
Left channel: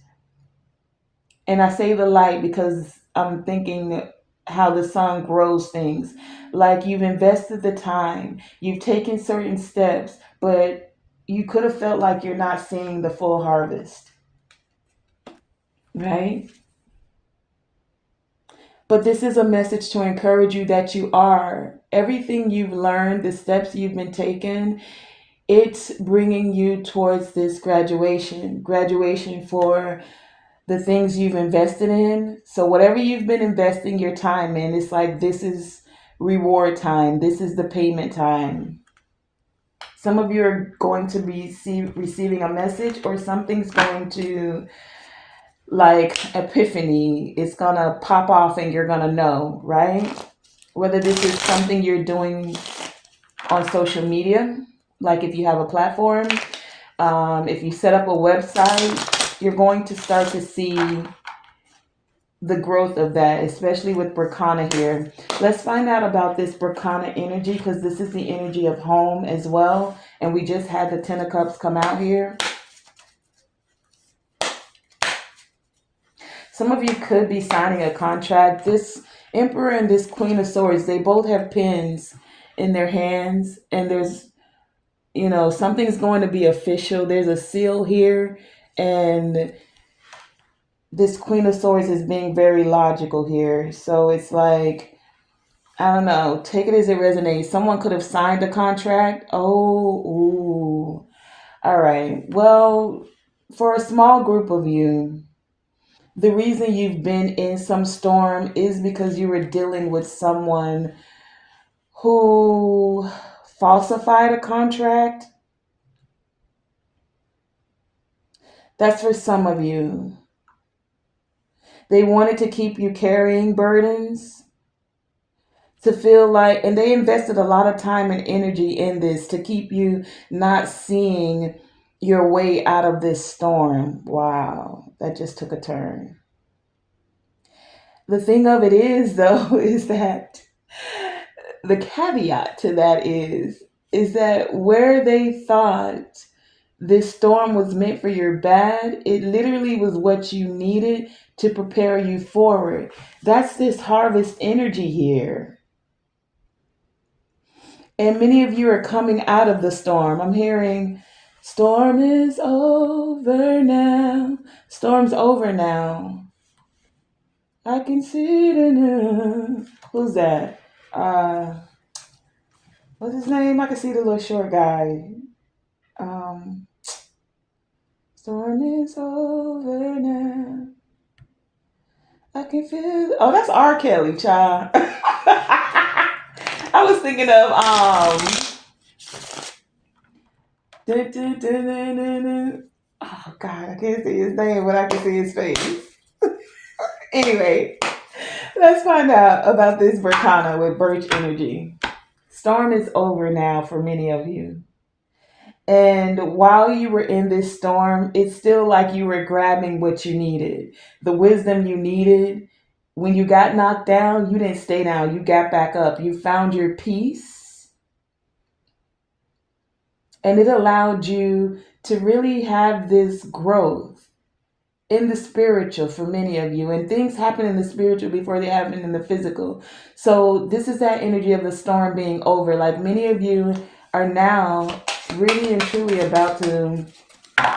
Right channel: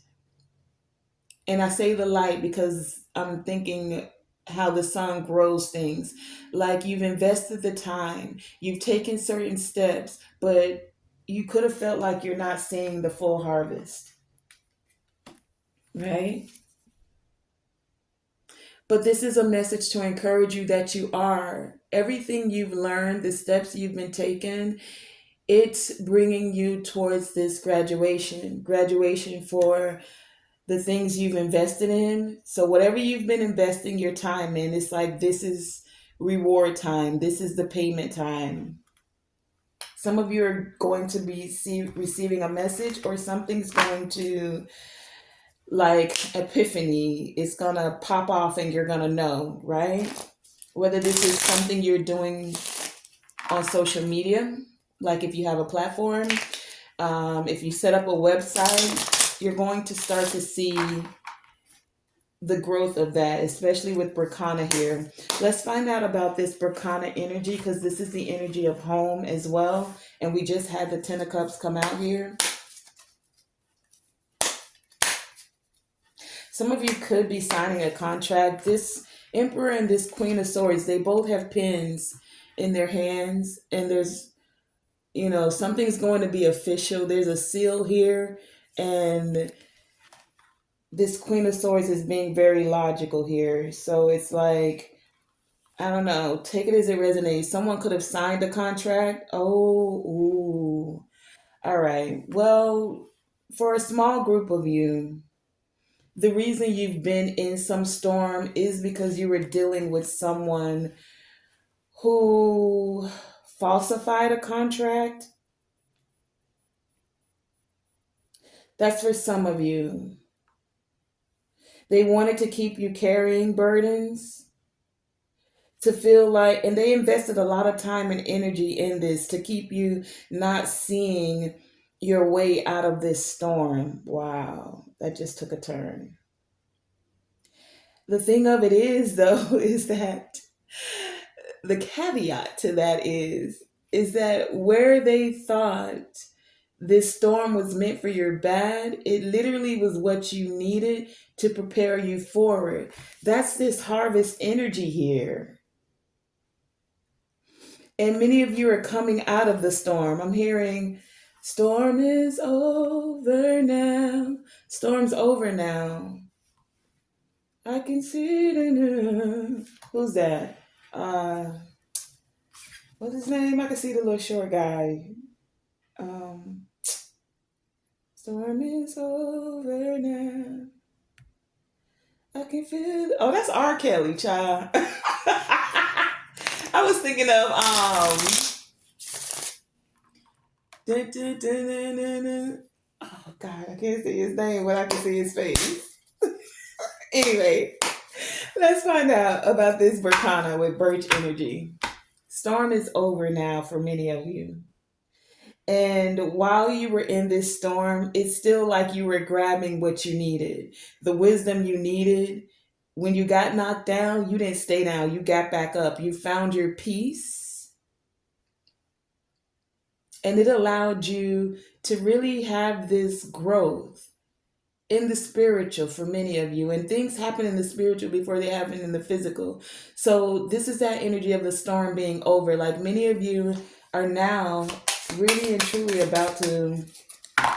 and I say the light because I'm thinking how the sun grows things. Like you've invested the time, you've taken certain steps, but you could have felt like you're not seeing the full harvest, right? But this is a message to encourage you that you are. Everything you've learned, the steps you've been taking, it's bringing you towards this graduation for the things you've invested in. So whatever you've been investing your time in, it's like this is reward time. This is the payment time. Some of you are going to be receiving a message or something's going to, like epiphany, it's going to pop off and you're going to know, right? Whether this is something you're doing on social media, like if you have a platform, if you set up a website, you're going to start to see the growth of that, especially with Berkana here. Let's find out about this Berkana energy because this is the energy of home as well. And we just had the Ten of Cups come out here. Some of you could be signing a contract. This Emperor and this Queen of Swords, they both have pens in their hands. And there's, something's going to be official. There's a seal here. And this Queen of Swords is being very logical here. So it's like, I don't know. Take it as it resonates. Someone could have signed a contract. Oh, ooh. All right. Well, for a small group of you, the reason you've been in some storm is because you were dealing with someone who falsified a contract. That's for some of you. They wanted to keep you carrying burdens, to feel like, and they invested a lot of time and energy in this to keep you not seeing your way out of this storm. Wow, that just took a turn. The thing of it is, though, is that the caveat to that is that where they thought this storm was meant for your bad, it literally was what you needed to prepare you forward. That's this harvest energy here. And many of you are coming out of the storm. I'm hearing Storm is over now. Storm's over now. I can see it in her. Who's that? Uh, what's his name? I can see the little short guy. Um, Storm is over now. I can feel. Oh, that's R. Kelly, child. I was thinking of dun, dun, dun, dun, dun, dun. Oh God, I can't see his name, but I can see his face. Anyway, let's find out about this Berkana with Birch Energy. Storm is over now for many of you. And while you were in this storm, it's still like you were grabbing what you needed, the wisdom you needed. When you got knocked down, you didn't stay down, you got back up. You found your peace, and it allowed you to really have this growth in the spiritual for many of you. And things happen in the spiritual before they happen in the physical. So, this is that energy of the storm being over. Like many of you are now really and truly about to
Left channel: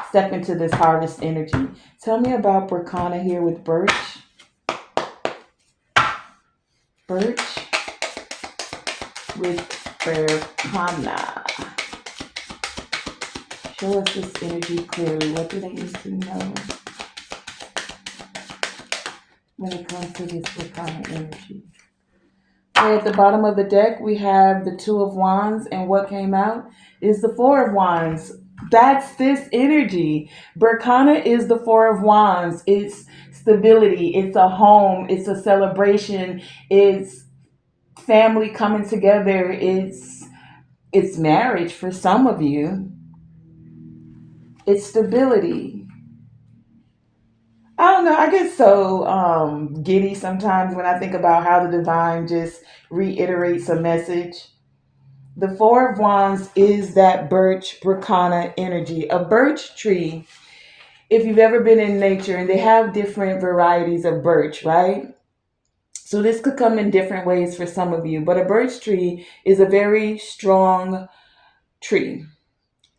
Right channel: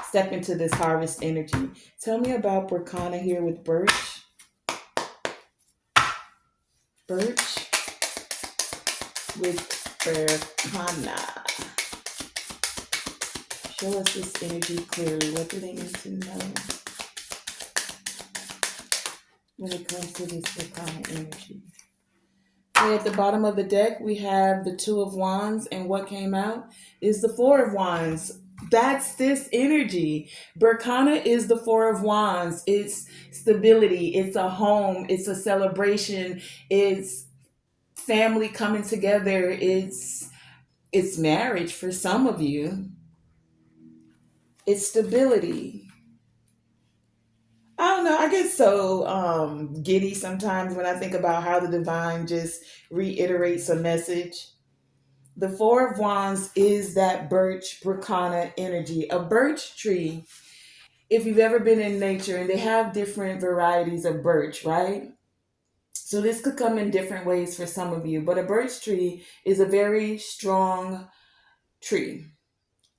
step into this harvest energy. Tell me about Berkana here with Birch. Birch with Berkana. Show us this energy clearly. What do they need to know when it comes to this Berkana energy? So at the bottom of the deck, we have the Two of Wands, and what came out is the Four of Wands. That's this energy. Berkana is the Four of Wands. It's stability. It's a home. It's a celebration. It's family coming together. It's marriage for some of you. It's stability. I don't know. I get so giddy sometimes when I think about how the divine just reiterates a message. The Four of Wands is that birch Berkana energy. A birch tree, if you've ever been in nature, and they have different varieties of birch, right? So this could come in different ways for some of you, but a birch tree is a very strong tree.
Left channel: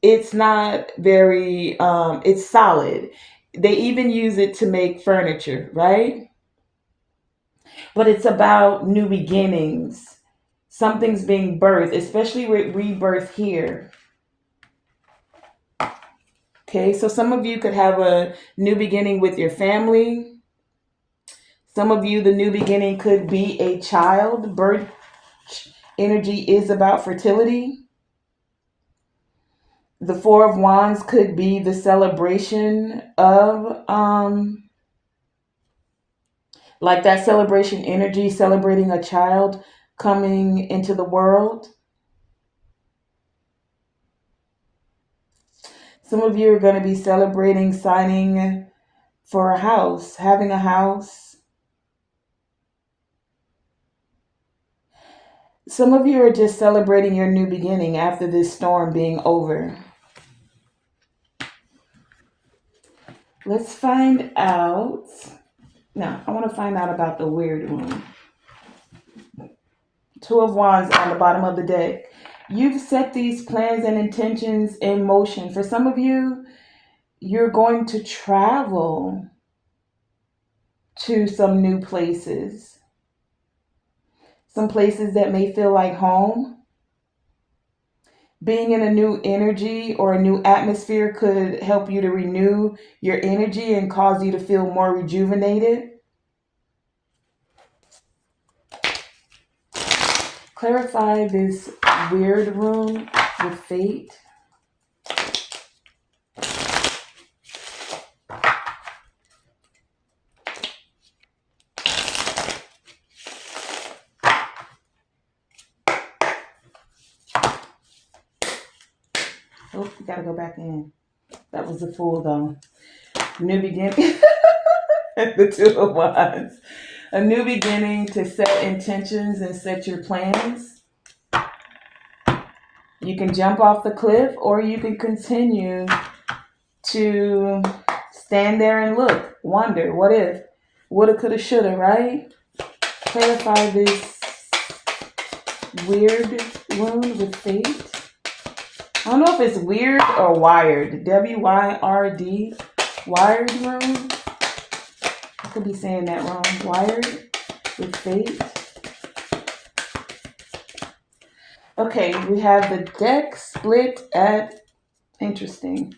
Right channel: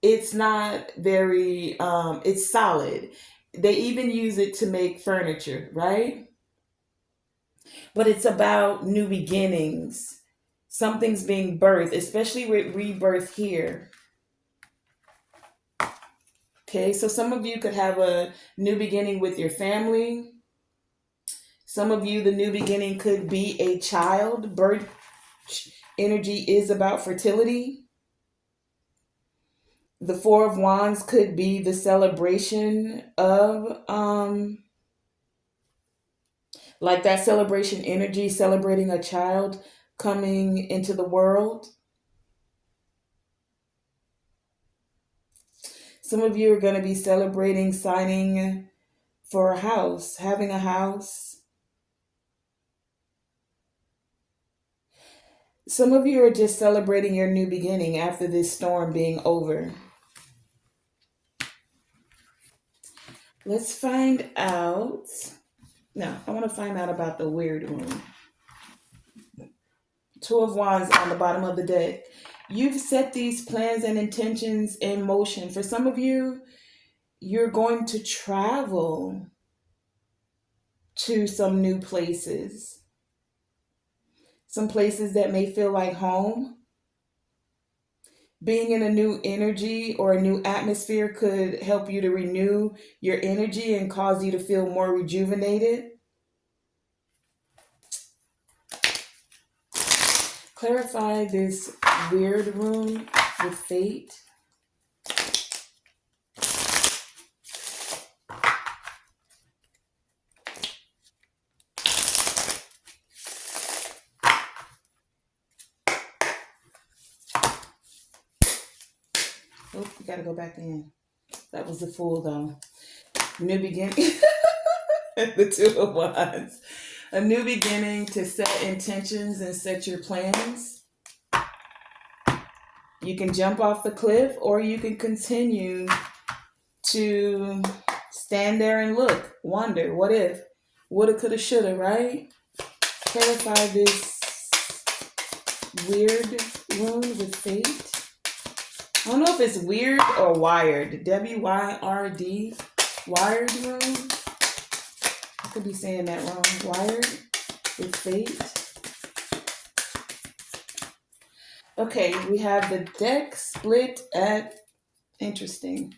It's not very, it's solid. They even use it to make furniture, right? But it's about new beginnings. Something's being birthed, especially with rebirth here. Okay, so some of you could have a new beginning with your family. Some of you, the new beginning could be a child. Birth energy is about fertility. The Four of Wands could be the celebration of, like that celebration energy, celebrating a child coming into the world. Some of you are going to be celebrating signing for a house, having a house. Some of you are just celebrating your new beginning after this storm being over. Let's find out. Now, I want to find out about the weird one. Two of Wands on the bottom of the deck. You've set these plans and intentions in motion. For some of you, you're going to travel to some new places. Some places that may feel like home. Being in a new energy or a new atmosphere could help you to renew your energy and cause you to feel more rejuvenated. Clarify this weird room with fate. Oh, we gotta go back in. That was the Fool, though. New beginning. The Two of Wands. A new beginning to set intentions and set your plans. You can jump off the cliff, or you can continue to stand there and look, wonder, what if, woulda, coulda, shoulda, right? Clarify this weird wound with fate. I don't know if it's weird or wired. WYRD. Wired room. I could be saying that wrong. Wired with fate. Okay, we have the deck split at interesting.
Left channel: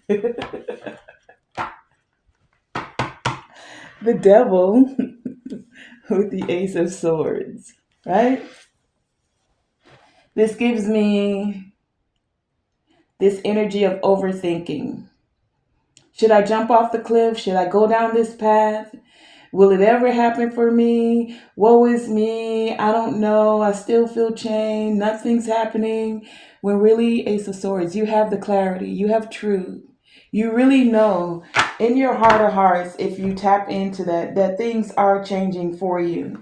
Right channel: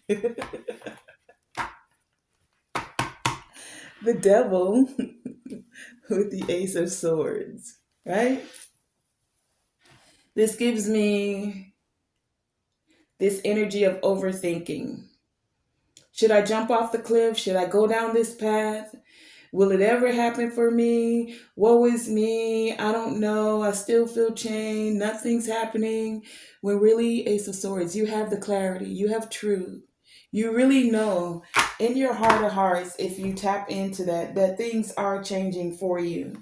The devil with the ace of swords, right? This gives me this energy of overthinking. Should I jump off the cliff? Should I go down this path? Will it ever happen for me? Woe is me. I don't know. I still feel chained. Nothing's happening. When really, Ace of Swords, you have the clarity. You have truth. You really know in your heart of hearts, if you tap into that, that things are changing for you.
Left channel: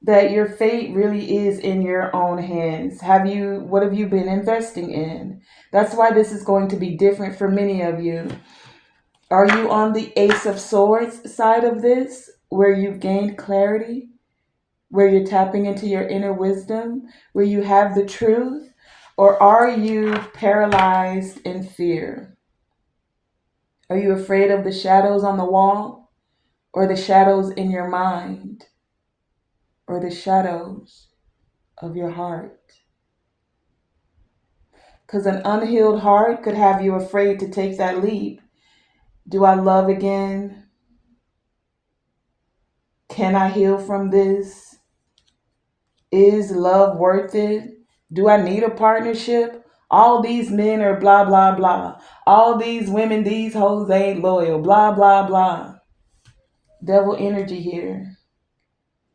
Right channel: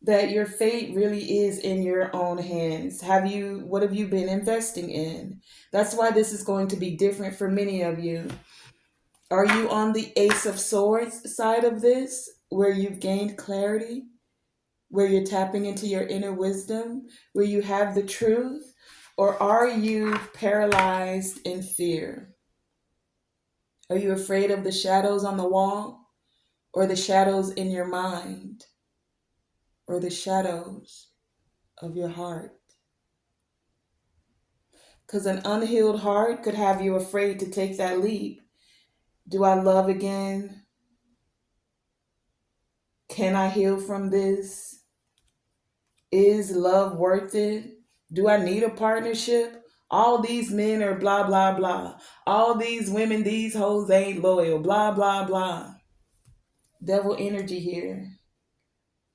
That your fate really is in your own hands. What have you been investing in? That's why this is going to be different for many of you. Are you on the Ace of Swords side of this, where you've gained clarity, where you're tapping into your inner wisdom, where you have the truth? Or are you paralyzed in fear? Are you afraid of the shadows on the wall, or the shadows in your mind, or the shadows of your heart? Because an unhealed heart could have you afraid to take that leap. Do I love again? Can I heal from this? Is love worth it? Do I need a partnership? All these men are blah, blah, blah. All these women, these hoes ain't loyal. Blah, blah, blah. Devil energy here.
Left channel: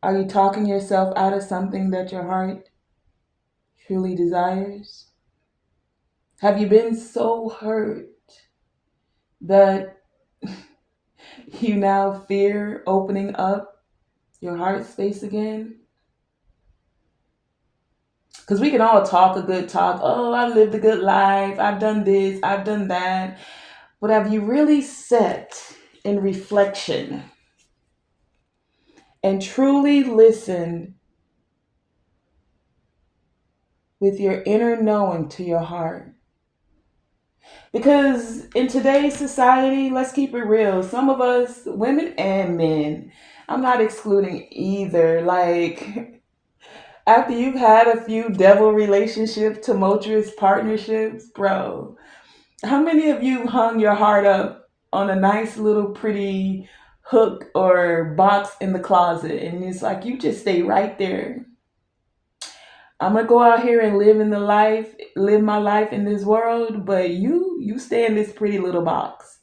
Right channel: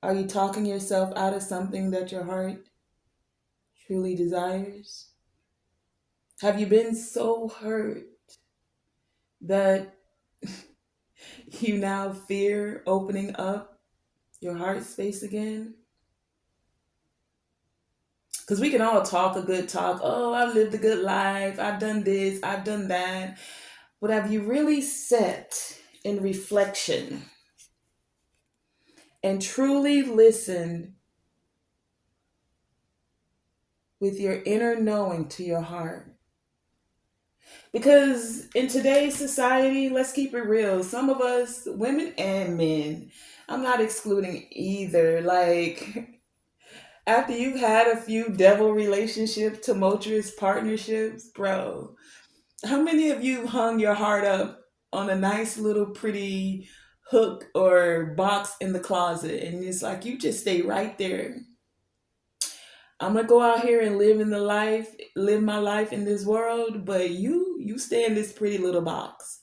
Are you talking yourself out of something that your heart truly desires? Have you been so hurt that you now fear opening up your heart space again? Because we can all talk a good talk. Oh, I've lived a good life. I've done this. I've done that. But have you really sat in reflection and truly listened with your inner knowing to your heart? Because in today's society, let's keep it real. Some of us, women and men, I'm not excluding either. Like, after you've had a few devil relationships, tumultuous partnerships, bro, how many of you hung your heart up on a nice little pretty hook or box in the closet and it's like you just stay right there? I'm gonna go out here and live my life in this world, but you stay in this pretty little box.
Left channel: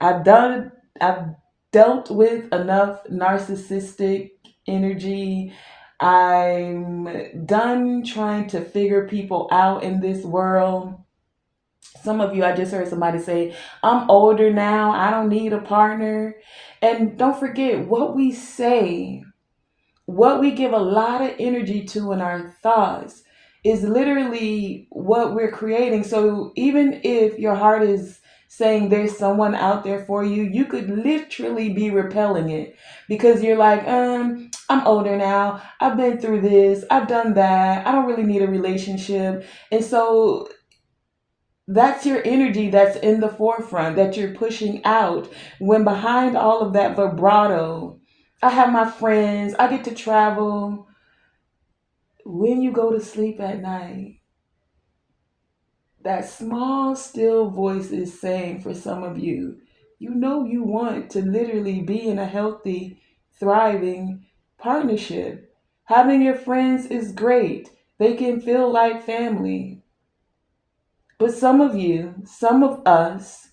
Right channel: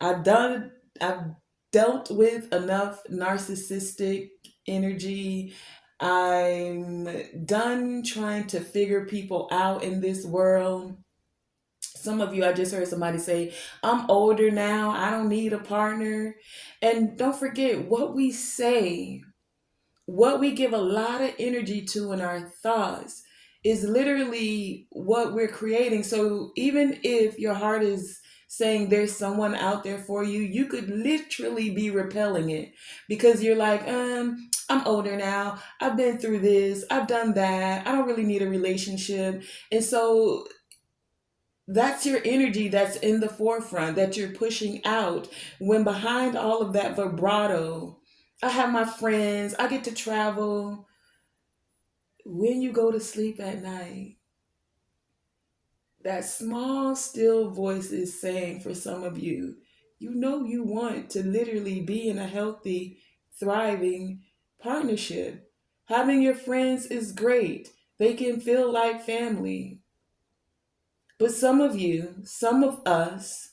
I've done I've dealt with enough narcissistic energy. I'm done trying to figure people out in this world. Some of you, I just heard somebody say, I'm older now, I don't need a partner. And don't forget what we say, what we give a lot of energy to in our thoughts is literally what we're creating. So even if your heart is saying there's someone out there for you, you could literally be repelling it because you're like, I'm older now. I've been through this. I've done that. I don't really need a relationship. And so that's your energy that's in the forefront that you're pushing out when behind all of that vibrato, I have my friends, I get to travel. When you go to sleep at night, that small still voice is saying for some of you, you know you want to literally be in a healthy, thriving partnership. Having your friends is great. They can feel like family. But some of you, some of us,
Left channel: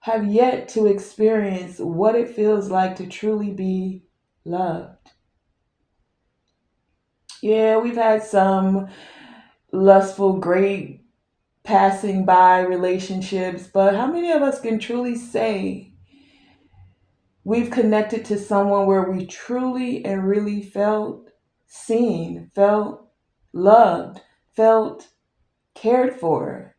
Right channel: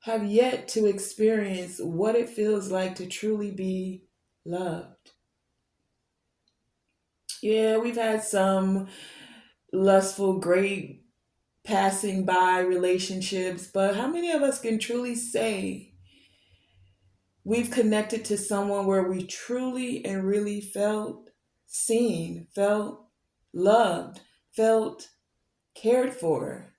have yet to experience what it feels like to truly be loved. Yeah, we've had some lustful, great passing by relationships, but how many of us can truly say we've connected to someone where we truly and really felt seen, felt loved, felt cared for?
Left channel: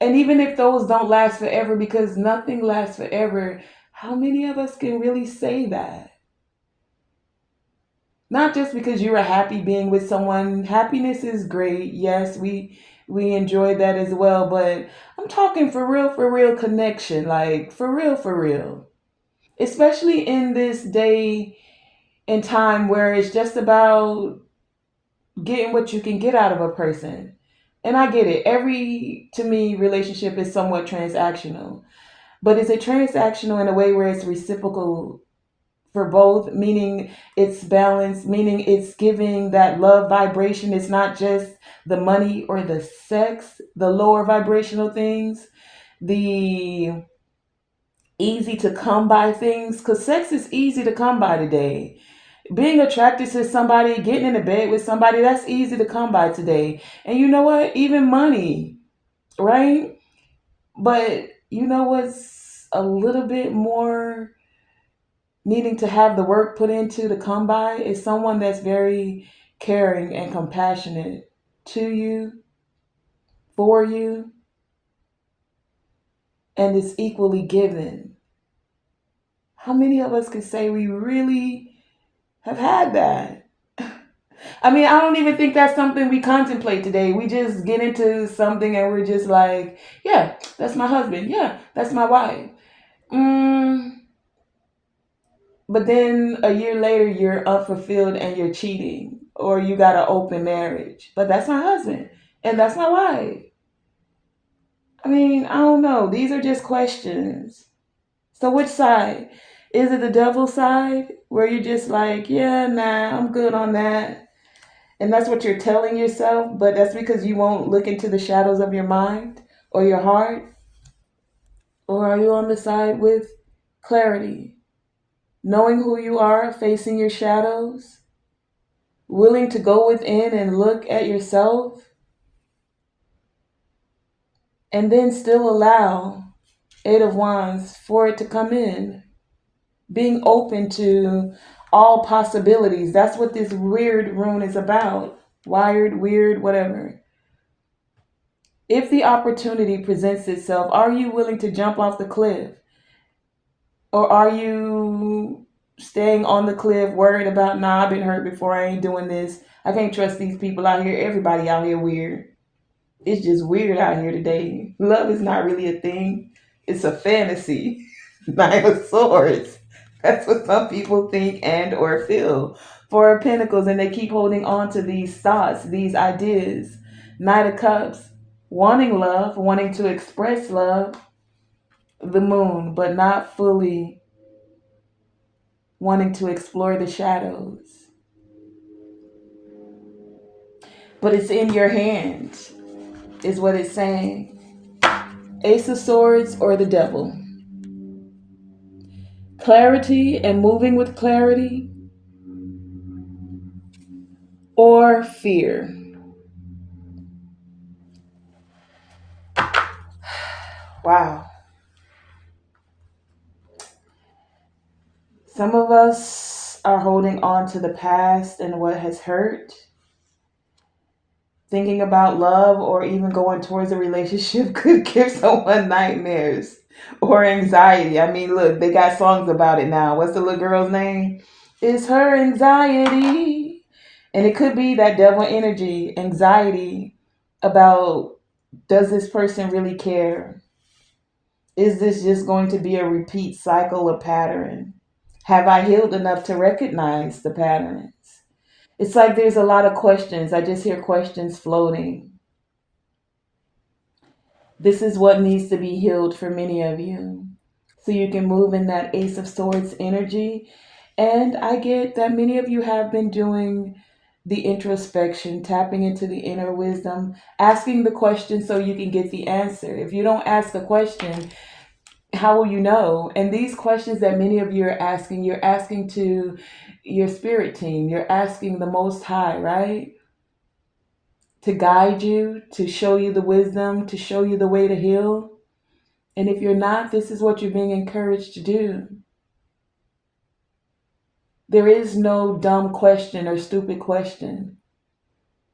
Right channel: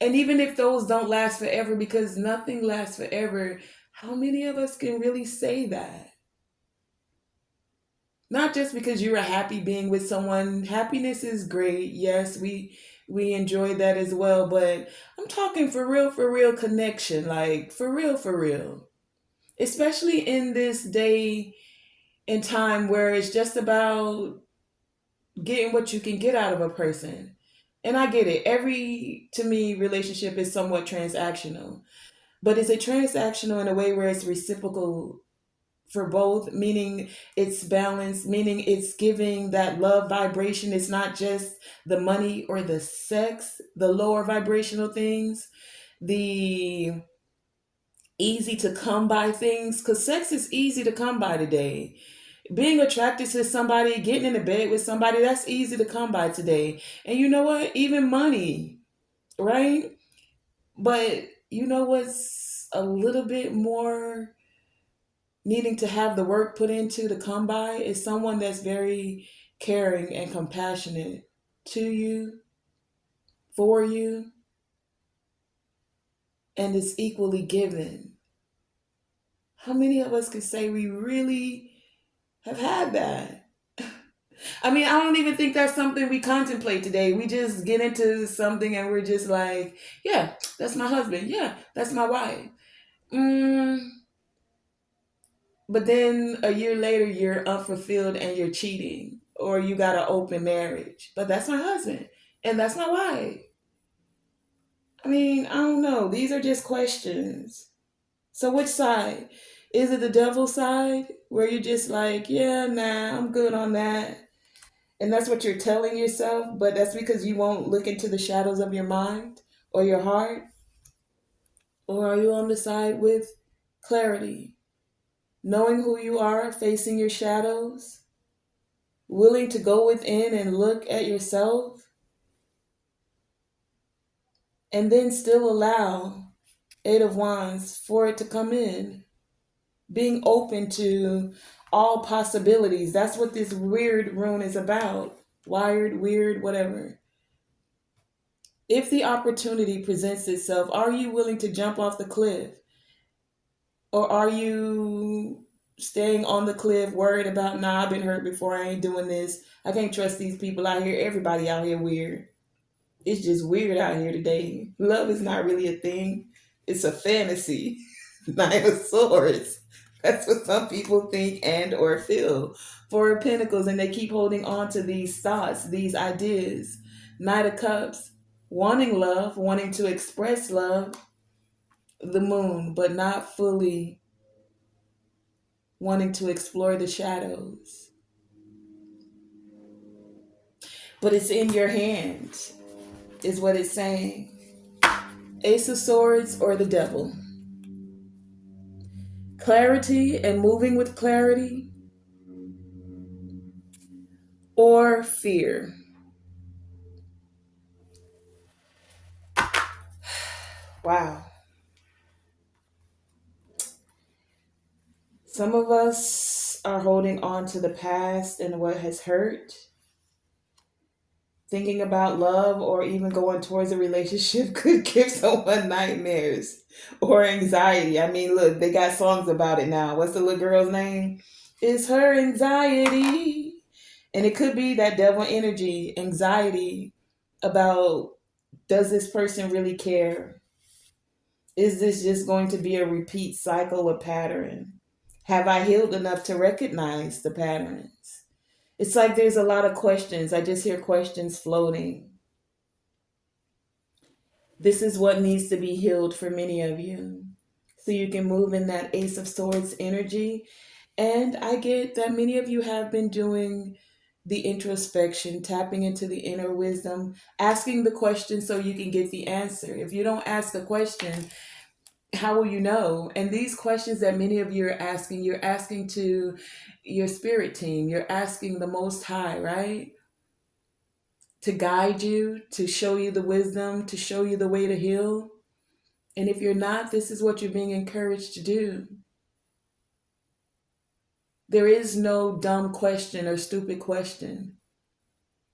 And even if those don't last forever, because nothing lasts forever, how many of us can really say that? Not just because you are happy being with someone. Happiness is great. Yes, We enjoy that as well. But I'm talking for real connection, like for real. Especially in this day and time where it's just about getting what you can get out of a person. And I get it. Every, to me, relationship is somewhat transactional. But is it transactional in a way where it's reciprocal for both, meaning it's balanced, meaning it's giving that love vibration? It's not just the money or the sex, the lower vibrational things, the easy to come by things, because sex is easy to come by today. Being attracted to somebody, getting into bed with somebody, that's easy to come by today. And you know what? Even money, right? But you know what's a little bit more needing to have the work put into to come by is someone that's very caring and compassionate to you, for you, and is equally given. How many of us could say we really have had that? I mean, I don't even think that's something we contemplate today. We just get into something and we're just like, yeah, that's my husband. Yeah, that's my wife. Mm, but then a year later, you're unfulfilled and you're cheating, or you got an open marriage. But that's my husband and that's my wife. I mean, I don't know. These are just questions. So, which side? Is it the devil side where you're just like, yeah, nah, I'm good on that? And that's what you're telling yourself, but that's because you won't look into the shadows of your mind or your heart? Or are you on the side with clarity, knowing who you are, facing your shadows, willing to go within and look at yourself, and then still allow Eight of Wands for it to come in? Being open to all possibilities. That's what this weird rune is about. Wired, weird, whatever. If the opportunity presents itself, are you willing to jump off the cliff? Or are you staying on the cliff worried about, nah, I've been hurt before, I ain't doing this. I can't trust these people out here. Everybody out here weird. It's just weird out here today. Love is not really a thing. It's a fantasy. Nine of Swords. That's what some people think and or feel. Four of Pentacles, and they keep holding on to these thoughts, these ideas. Knight of Cups, wanting love, wanting to express love. The Moon, but not fully wanting to explore the shadows. But it's in your hands, is what it's saying. Ace of Swords or the Devil. Clarity and moving with clarity, or fear. Wow. Some of us are holding on to the past and what has hurt. Thinking about love or even going towards a relationship could give someone nightmares or anxiety. I mean, look, they got songs about it now. What's the little girl's name? It's her anxiety. And it could be that devil energy, anxiety about, does this person really care? Is this just going to be a repeat cycle or pattern? Have I healed enough to recognize the patterns? It's like there's a lot of questions. I just hear questions floating. This is what needs to be healed for many of you. So you can move in that Ace of Swords energy. And I get that many of you have been doing the introspection, tapping into the inner wisdom, asking the question so you can get the answer. If you don't ask a question, how will you know? And these questions that many of you are asking, you're asking to your spirit team, you're asking the Most High, right? To guide you, to show you the wisdom, to show you the way to heal. And if you're not, this is what you're being encouraged to do. There is no dumb question or stupid question.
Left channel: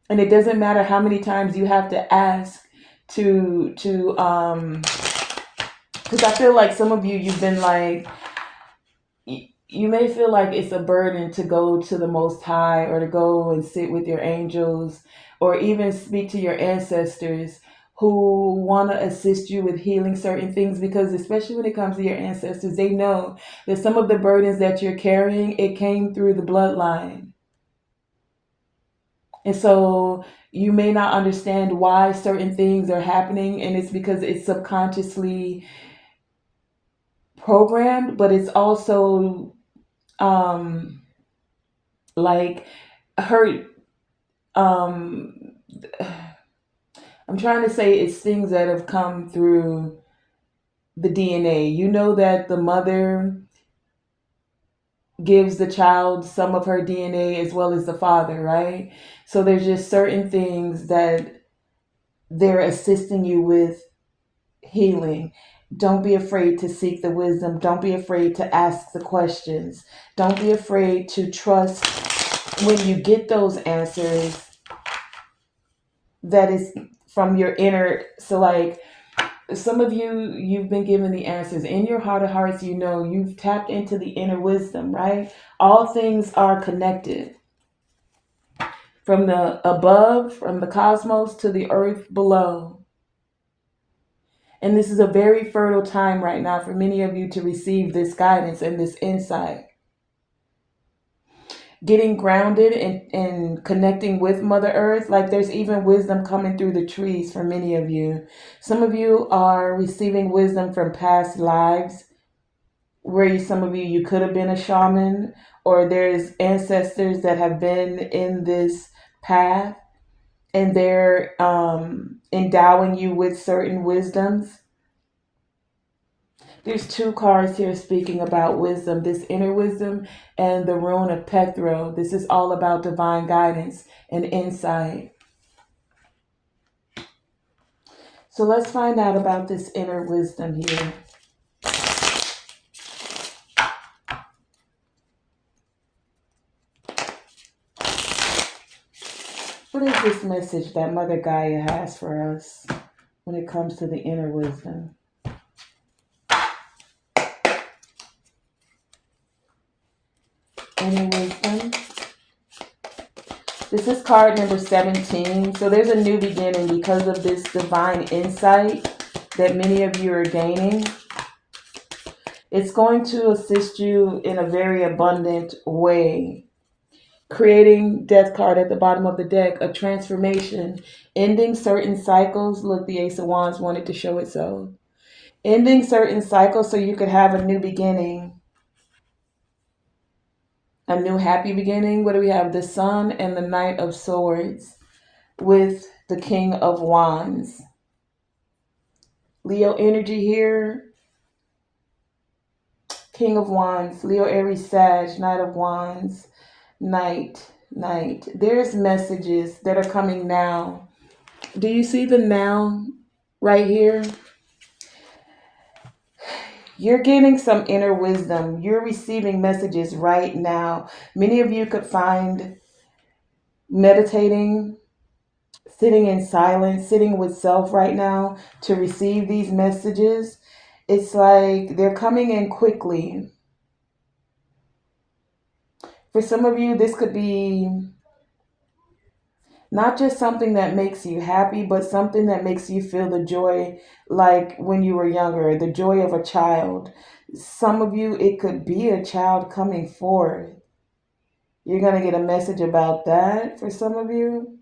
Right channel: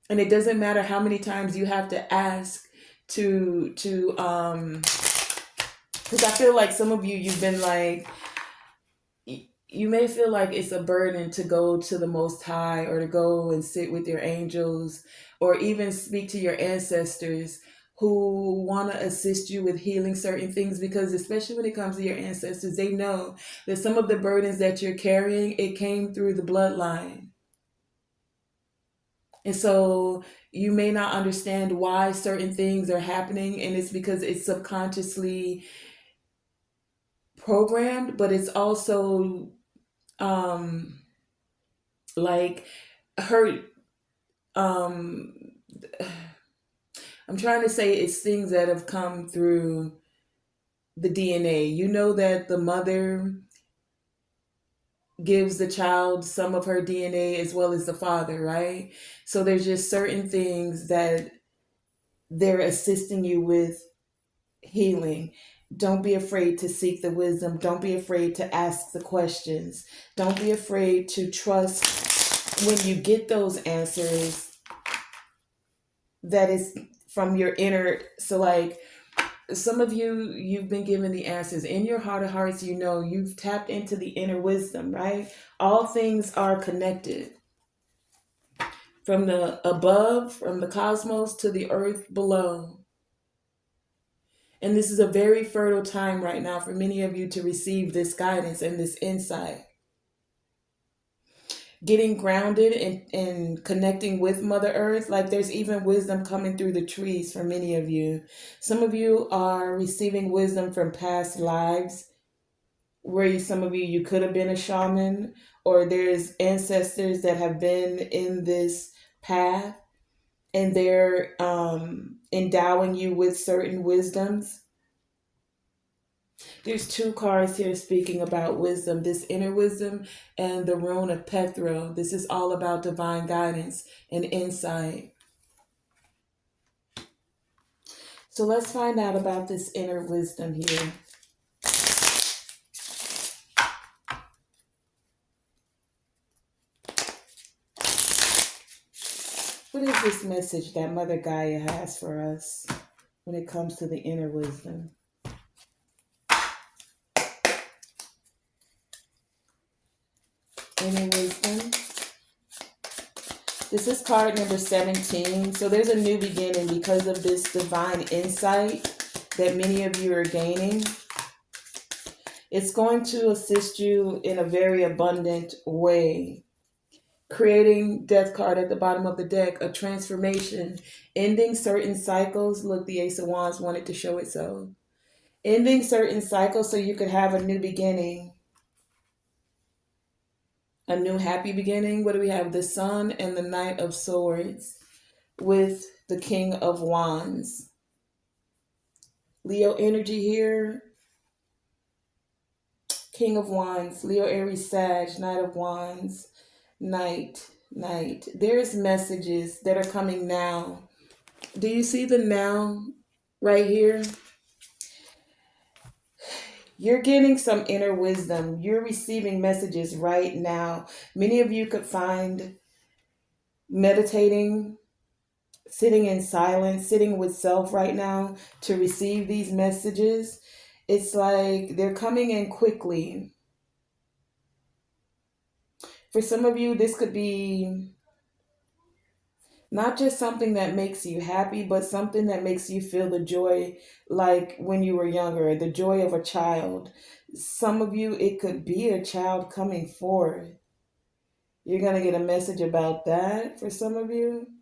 And it doesn't matter how many times you have to ask because I feel like some of you, you've been like, you may feel like it's a burden to go to the Most High or to go and sit with your angels or even speak to your ancestors who want to assist you with healing certain things, because especially when it comes to your ancestors, they know that some of the burdens that you're carrying, it came through the bloodline. And so you may not understand why certain things are happening, and it's because it's subconsciously programmed, but it's also um like hurt. um I'm trying to say it's things that have come through the DNA. You know that the mother gives the child some of her DNA as well as the father, right? So there's just certain things that they're assisting you with healing. Don't be afraid to seek the wisdom. Don't be afraid to ask the questions. Don't be afraid to trust when you get those answers that is from your inner. So like some of you, you've been given the answers in your heart of hearts. You know, you've tapped into the inner wisdom, right? All things are connected, from the above, from the cosmos to the earth below. And this is a very fertile time right now for many of you to receive this guidance and this insight. Getting grounded and connecting with Mother Earth, like there's even wisdom coming through the trees for many of you. Some of you are receiving wisdom from past lives where some of you could have been a shaman, or there's ancestors that have been in this path and they're endowing you with certain wisdoms. There's two cards here speaking about wisdom, this inner wisdom and the rune of Pethro. This is all about divine guidance and insight. So let's find out about this inner wisdom here. What is this message that Mother Gaia has for us when it comes to the inner wisdom? Inner wisdom. This is card number 17. So there's a new beginning because of this divine insight that many of you are gaining. It's going to assist you in a very abundant way. Creating, death card at the bottom of the deck, a transformation, ending certain cycles. Look, the Ace of Wands wanted to show it so. Ending certain cycles so you could have a new beginning, a new happy beginning. What do we have? The Sun and the Knight of Swords with the King of Wands. Leo energy here. King of Wands, Leo, Aries, Sag, Knight of Wands, Knight. There's messages that are coming now. Do you see the now right here? You're getting some inner wisdom. You're receiving messages right now. Many of you could find meditating, sitting in silence, sitting with self right now to receive these messages. It's like they're coming in quickly. For some of you, this could be not just something that makes you happy, but something that makes you feel the joy like when you were younger, the joy of a child. Some of you, it could be a child coming forth. You're going to get a message about that for some of you.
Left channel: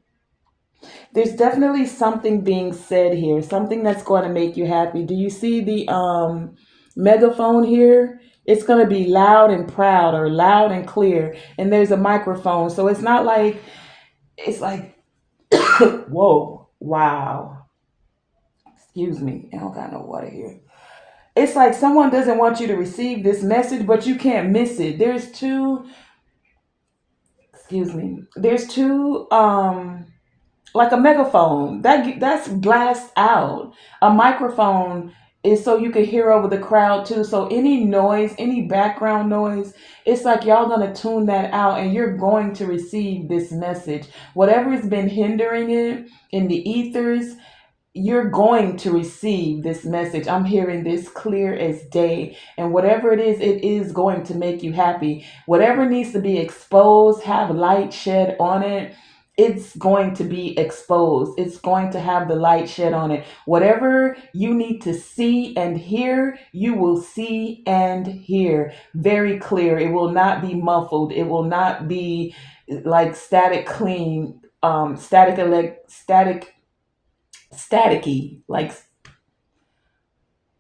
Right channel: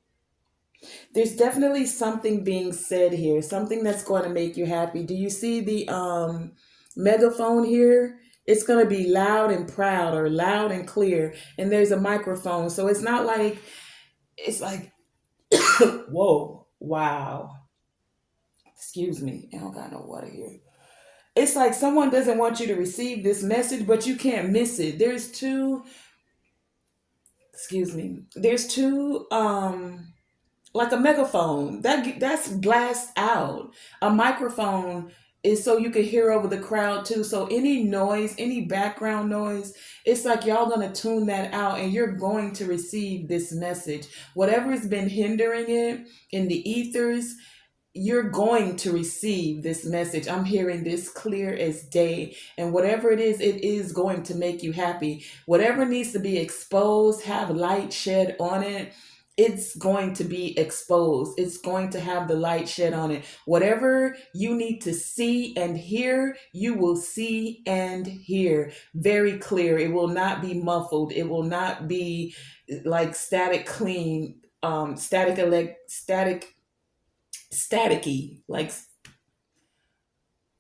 There's definitely something being said here, something that's going to make you happy. Do you see the megaphone here? It's going to be loud and proud, or loud and clear. And there's a microphone. So it's not like, it's like, whoa, wow. Excuse me. I don't got no water here. It's like someone doesn't want you to receive this message, but you can't miss it. There's two, excuse me. There's two like a megaphone that's blast out. A microphone is so you can hear over the crowd too. So any noise, any background noise, it's like y'all gonna tune that out and you're going to receive this message. Whatever has been hindering it in the ethers, you're going to receive this message. I'm hearing this clear as day. And whatever it is going to make you happy. Whatever needs to be exposed, have light shed on it. It's going to be exposed. It's going to have the light shed on it. Whatever you need to see and hear, you will see and hear very clear. It will not be muffled. It will not be like static clean, static staticky, like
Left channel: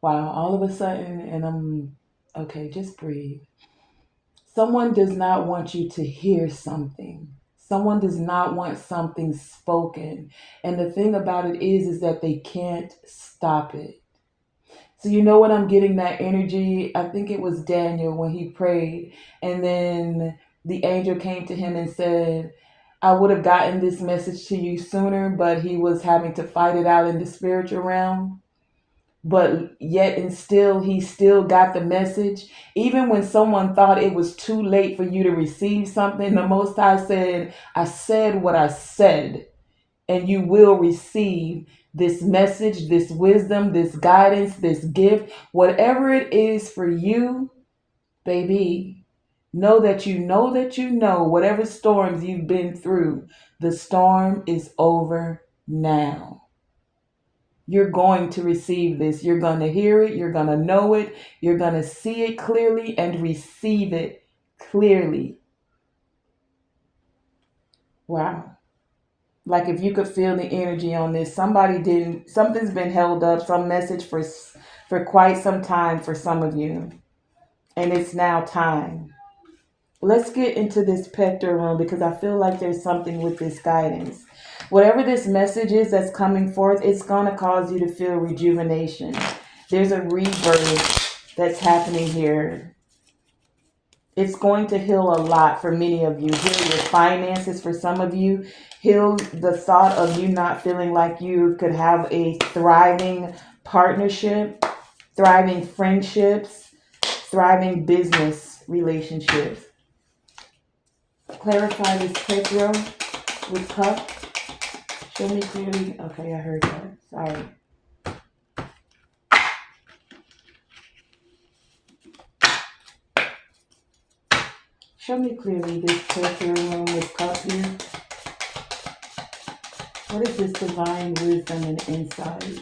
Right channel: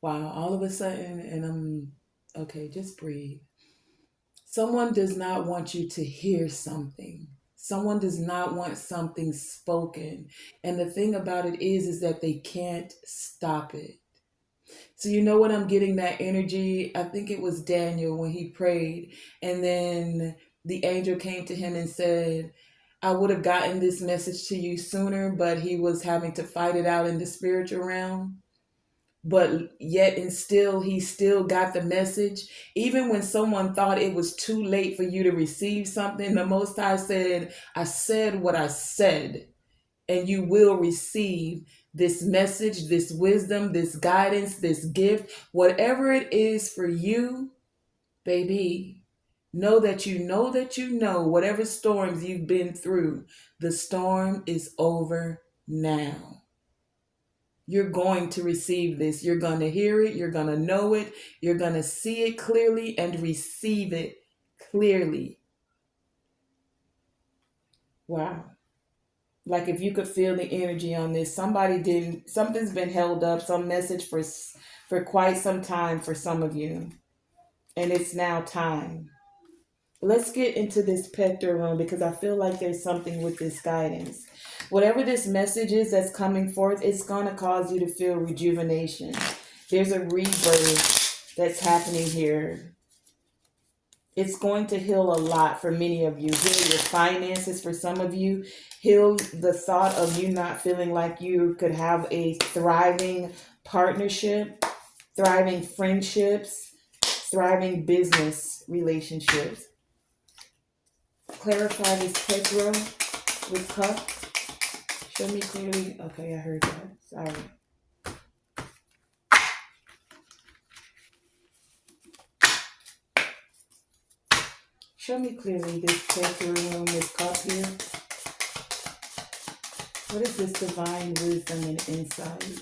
wow, all of a sudden, and I'm okay, just breathe. Someone does not want you to hear something. Someone does not want something spoken. And the thing about it is that they can't stop it. So you know what I'm getting that energy? I think it was Daniel when he prayed, and then the angel came to him and said, I would have gotten this message to you sooner, but he was having to fight it out in the spiritual realm, but yet and still he still got the message. Even when someone thought it was too late for you to receive something, the Most High said, I said what I said, and you will receive this message, this wisdom, this guidance, this gift, whatever it is for you, baby. Know that you know that you know whatever storms you've been through, the storm is over now. You're going to receive this. You're going to hear it. You're going to know it. You're going to see it clearly and receive it clearly. Wow. Like if you could feel the energy on this, something's been held up, some message for quite some time for some of you. And it's now time. Let's get into this Pector room because I feel like there's something with this guidance. Whatever this message is that's coming forth, it's going to cause you to feel rejuvenation. There's a rebirth that's happening here. It's going to heal a lot for many of you. Heal your finances for some of you. Heal the thought of you not feeling like you could have a thriving partnership, thriving friendships, thriving business relationships. Clarify this fifth row with cup. Show me clearly. Okay, I heard that. Sorry. Show me clearly this fifth room with cup here. What is this divine wisdom and insight?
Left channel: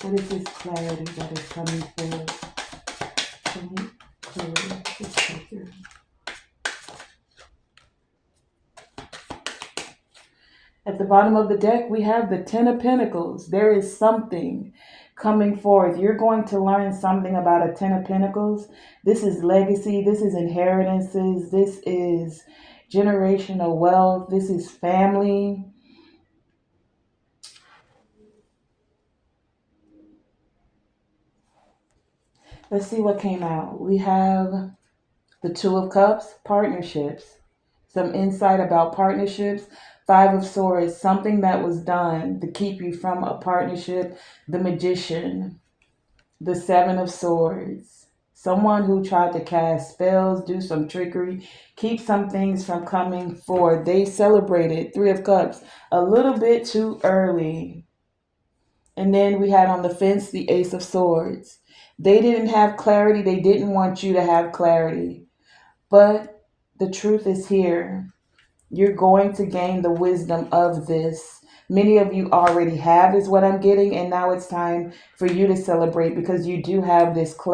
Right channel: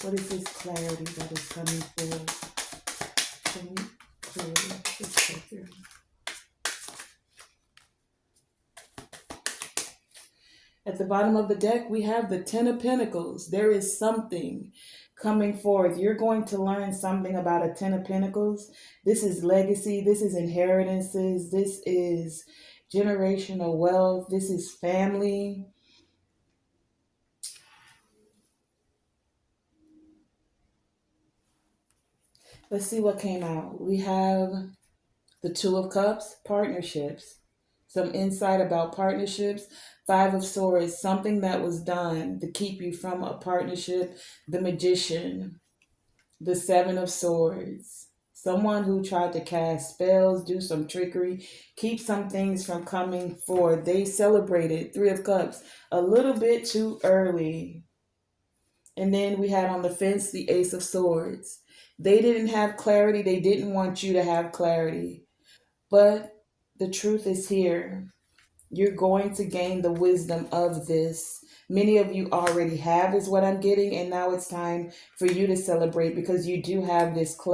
What is this clarity that is coming forth? Show me clearly this fifth room. At the bottom of the deck, we have the Ten of Pentacles. There is something coming forth. You're going to learn something about a Ten of Pentacles. This is legacy. This is inheritances. This is generational wealth. This is family. Let's see what came out. We have the Two of Cups, partnerships. Some insight about partnerships. Five of Swords, something that was done to keep you from a partnership. The Magician. The Seven of Swords. Someone who tried to cast spells, do some trickery, keep some things from coming forward. They celebrated Three of Cups a little bit too early. And then we had on the fence the Ace of Swords. They didn't have clarity. They didn't want you to have clarity. But the truth is here. You're going to gain the wisdom of this. Many of you already have, is what I'm getting. And now it's time for you to celebrate because you do have this clarity.